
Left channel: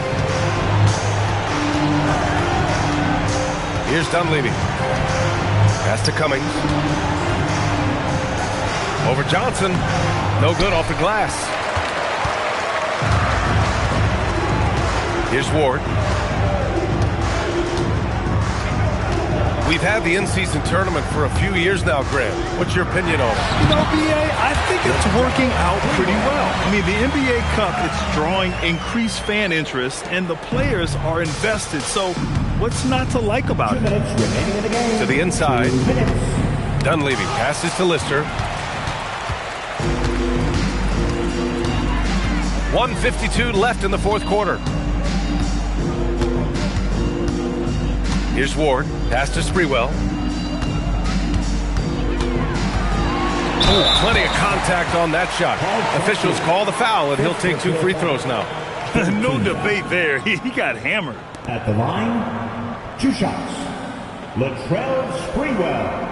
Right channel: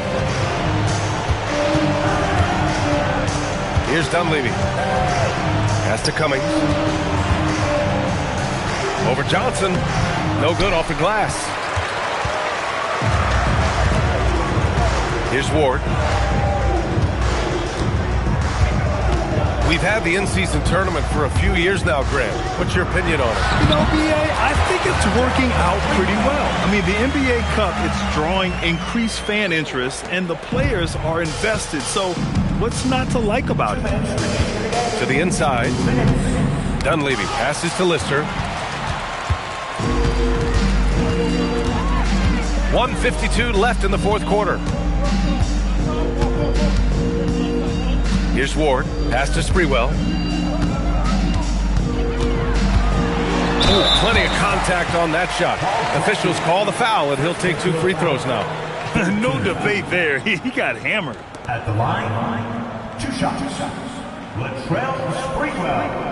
Here's Dunleavy. Pass to Cummings. Over Johnson. No good off the glass. Here's Ward. We've had the in-season tournament for a few years now, Graham. What's your opinion on it? You know, B.A., I think it's working out pretty well. I mean, the NBA Cup, it's drawing increased fan interest, and the players are invested. So what's not to like about it? To the inside. Dunleavy passes to Lister. 1:52 left in the fourth quarter. Here's Ward. Pass to Sprewell. Ooh, plenty of contact on that shot. Officials call the foul, and he'll take 2 free throws now. No debate there. He got hammered. At the line, 2 shots. Latrell Sprewell.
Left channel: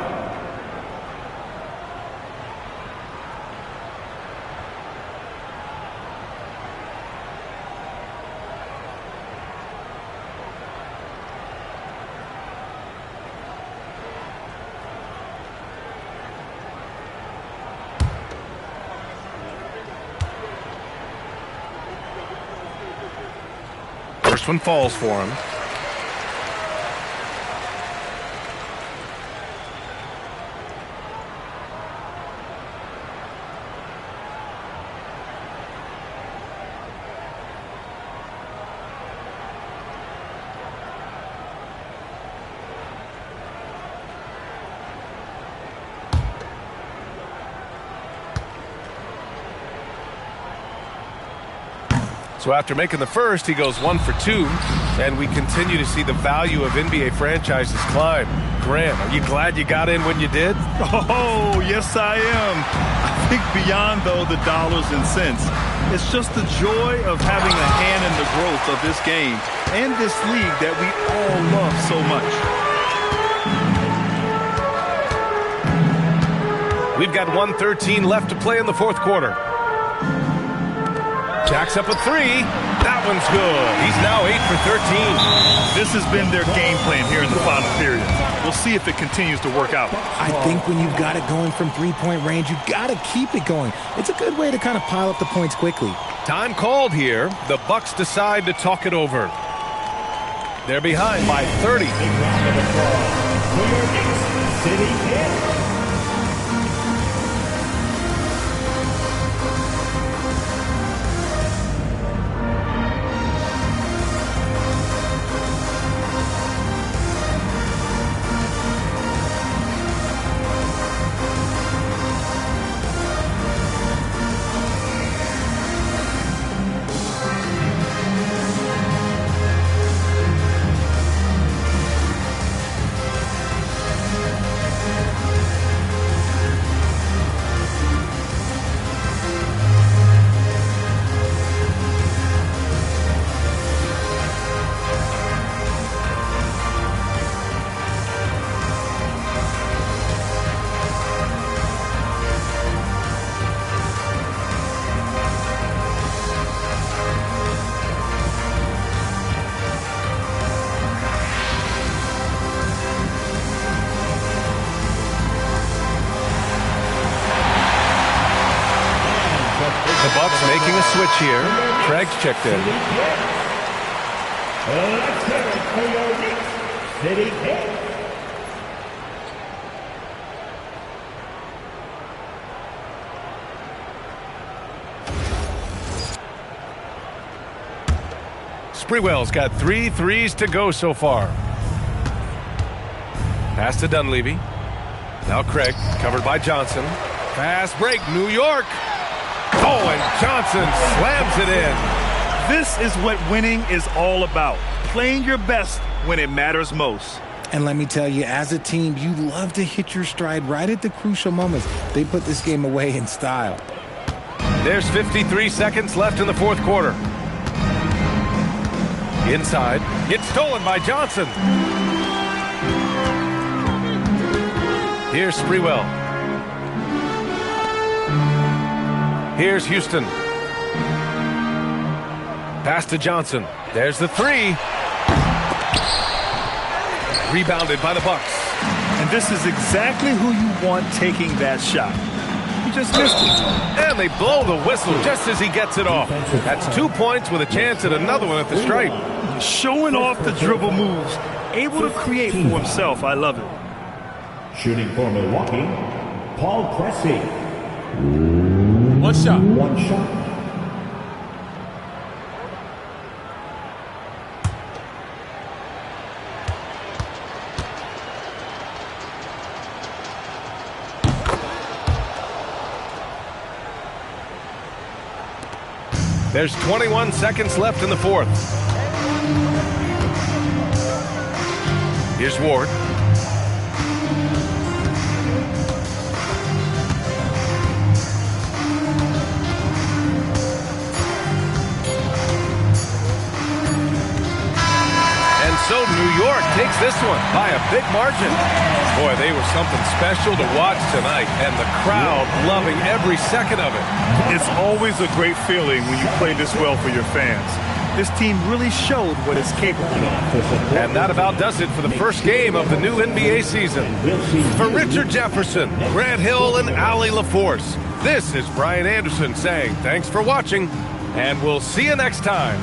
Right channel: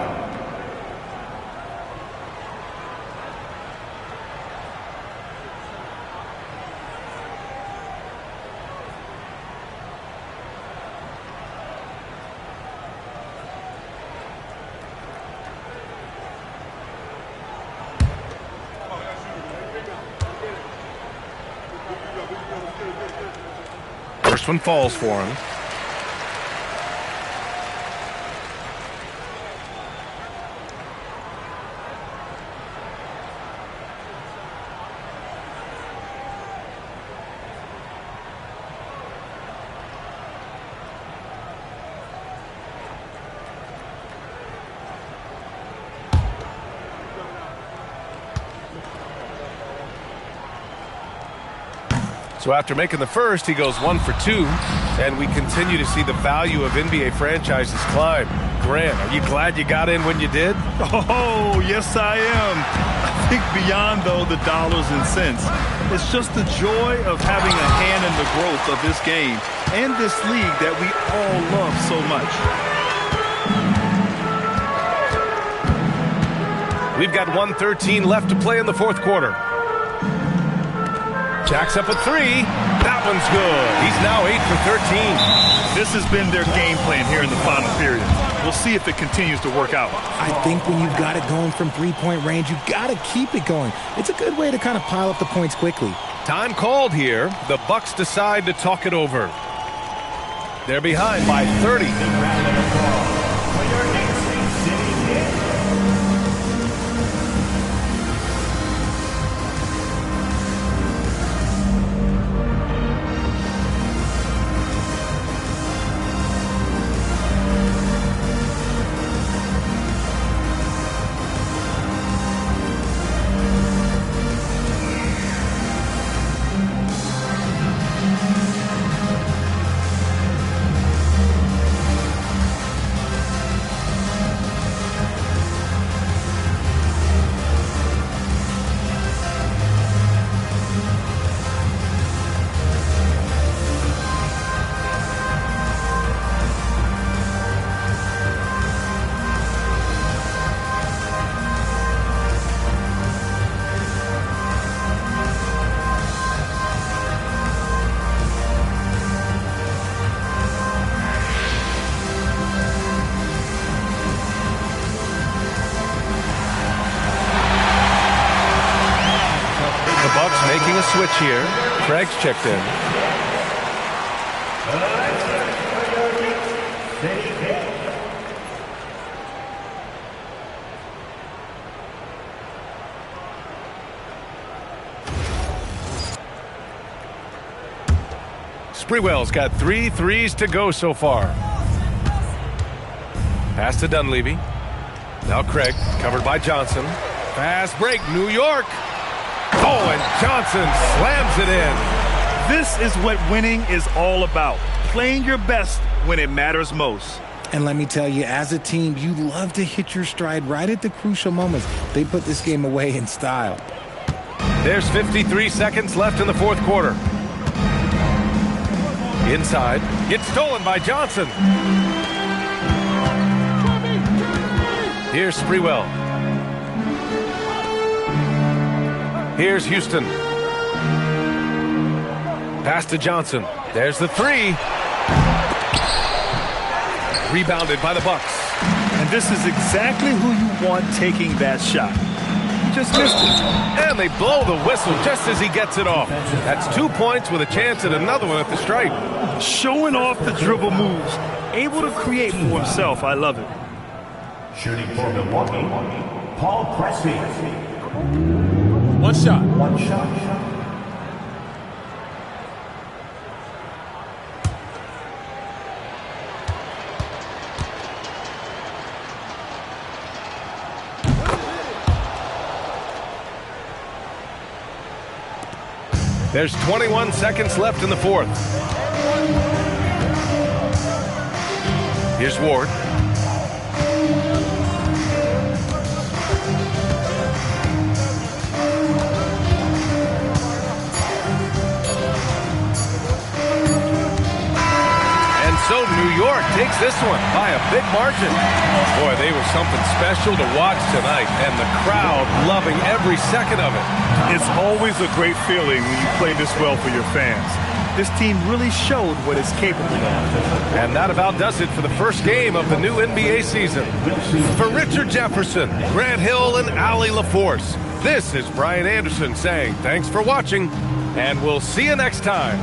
First one falls for him. So after making the first, he goes 1 for 2, and we continue to see the value of NBA franchises climb. Grant, are you glad you got in when you did? Oh, yes, I am. I think beyond, though, the dollars and cents, it's just the joy of having a hand in the growth of this game and this league that we all love so much. We've got 1:13 left to play in the fourth quarter. Jacks up a 3. That one's good. He's now 8 for 13. This has been their game plan here in the final period. We'll see if it continues to work out. I think when you've got it going from three-point range, you've got to keep it going. It's a good way to kind of pile up the points quickly. Time called here. The Bucks decide to talk it over. They're behind by 30. Big round of applause for your Knicks City Knicks. The Bucks making a switch here. Craig's checked in. Let's hear it for your Knicks City Knicks. Sprewell's got 3 threes to go so far. Pass to Dunleavy. Now Craig, covered by Johnson. Fast break, New York. Oh, and Johnson slams it in. This is what winning is all about. Playing your best when it matters most. And let me tell you, as a team, you love to hit your stride right at the crucial moments. They put this game away in style. There's 53 seconds left in the fourth quarter. Inside, it's stolen by Johnson. Here's Sprewell. Here's Houston. Pass to Johnson. There's the 3. Rebounded by the Bucks. And this is exactly who you want taking that shot. He just missed it. And they blow the whistle just as he gets it off. That's 2 points with a chance at another one at the stripe. Showing off the dribble moves. Able to create for himself. I love it. Shooting for Milwaukee, Paul Pressey. One shot. One shot. There's 21 seconds left in the fourth. Here's Ward. And so New York takes this one by a big margin. Boy, they were something special to watch tonight, and the crowd loving every second of it. It's always a great feeling when you play this well for your fans. This team really showed what it's capable of. And that about does it for the first game of the new NBA season. For Richard Jefferson, Grant Hill, and Allie LaForce, this is Brian Anderson saying thanks for watching, and we'll see you next time.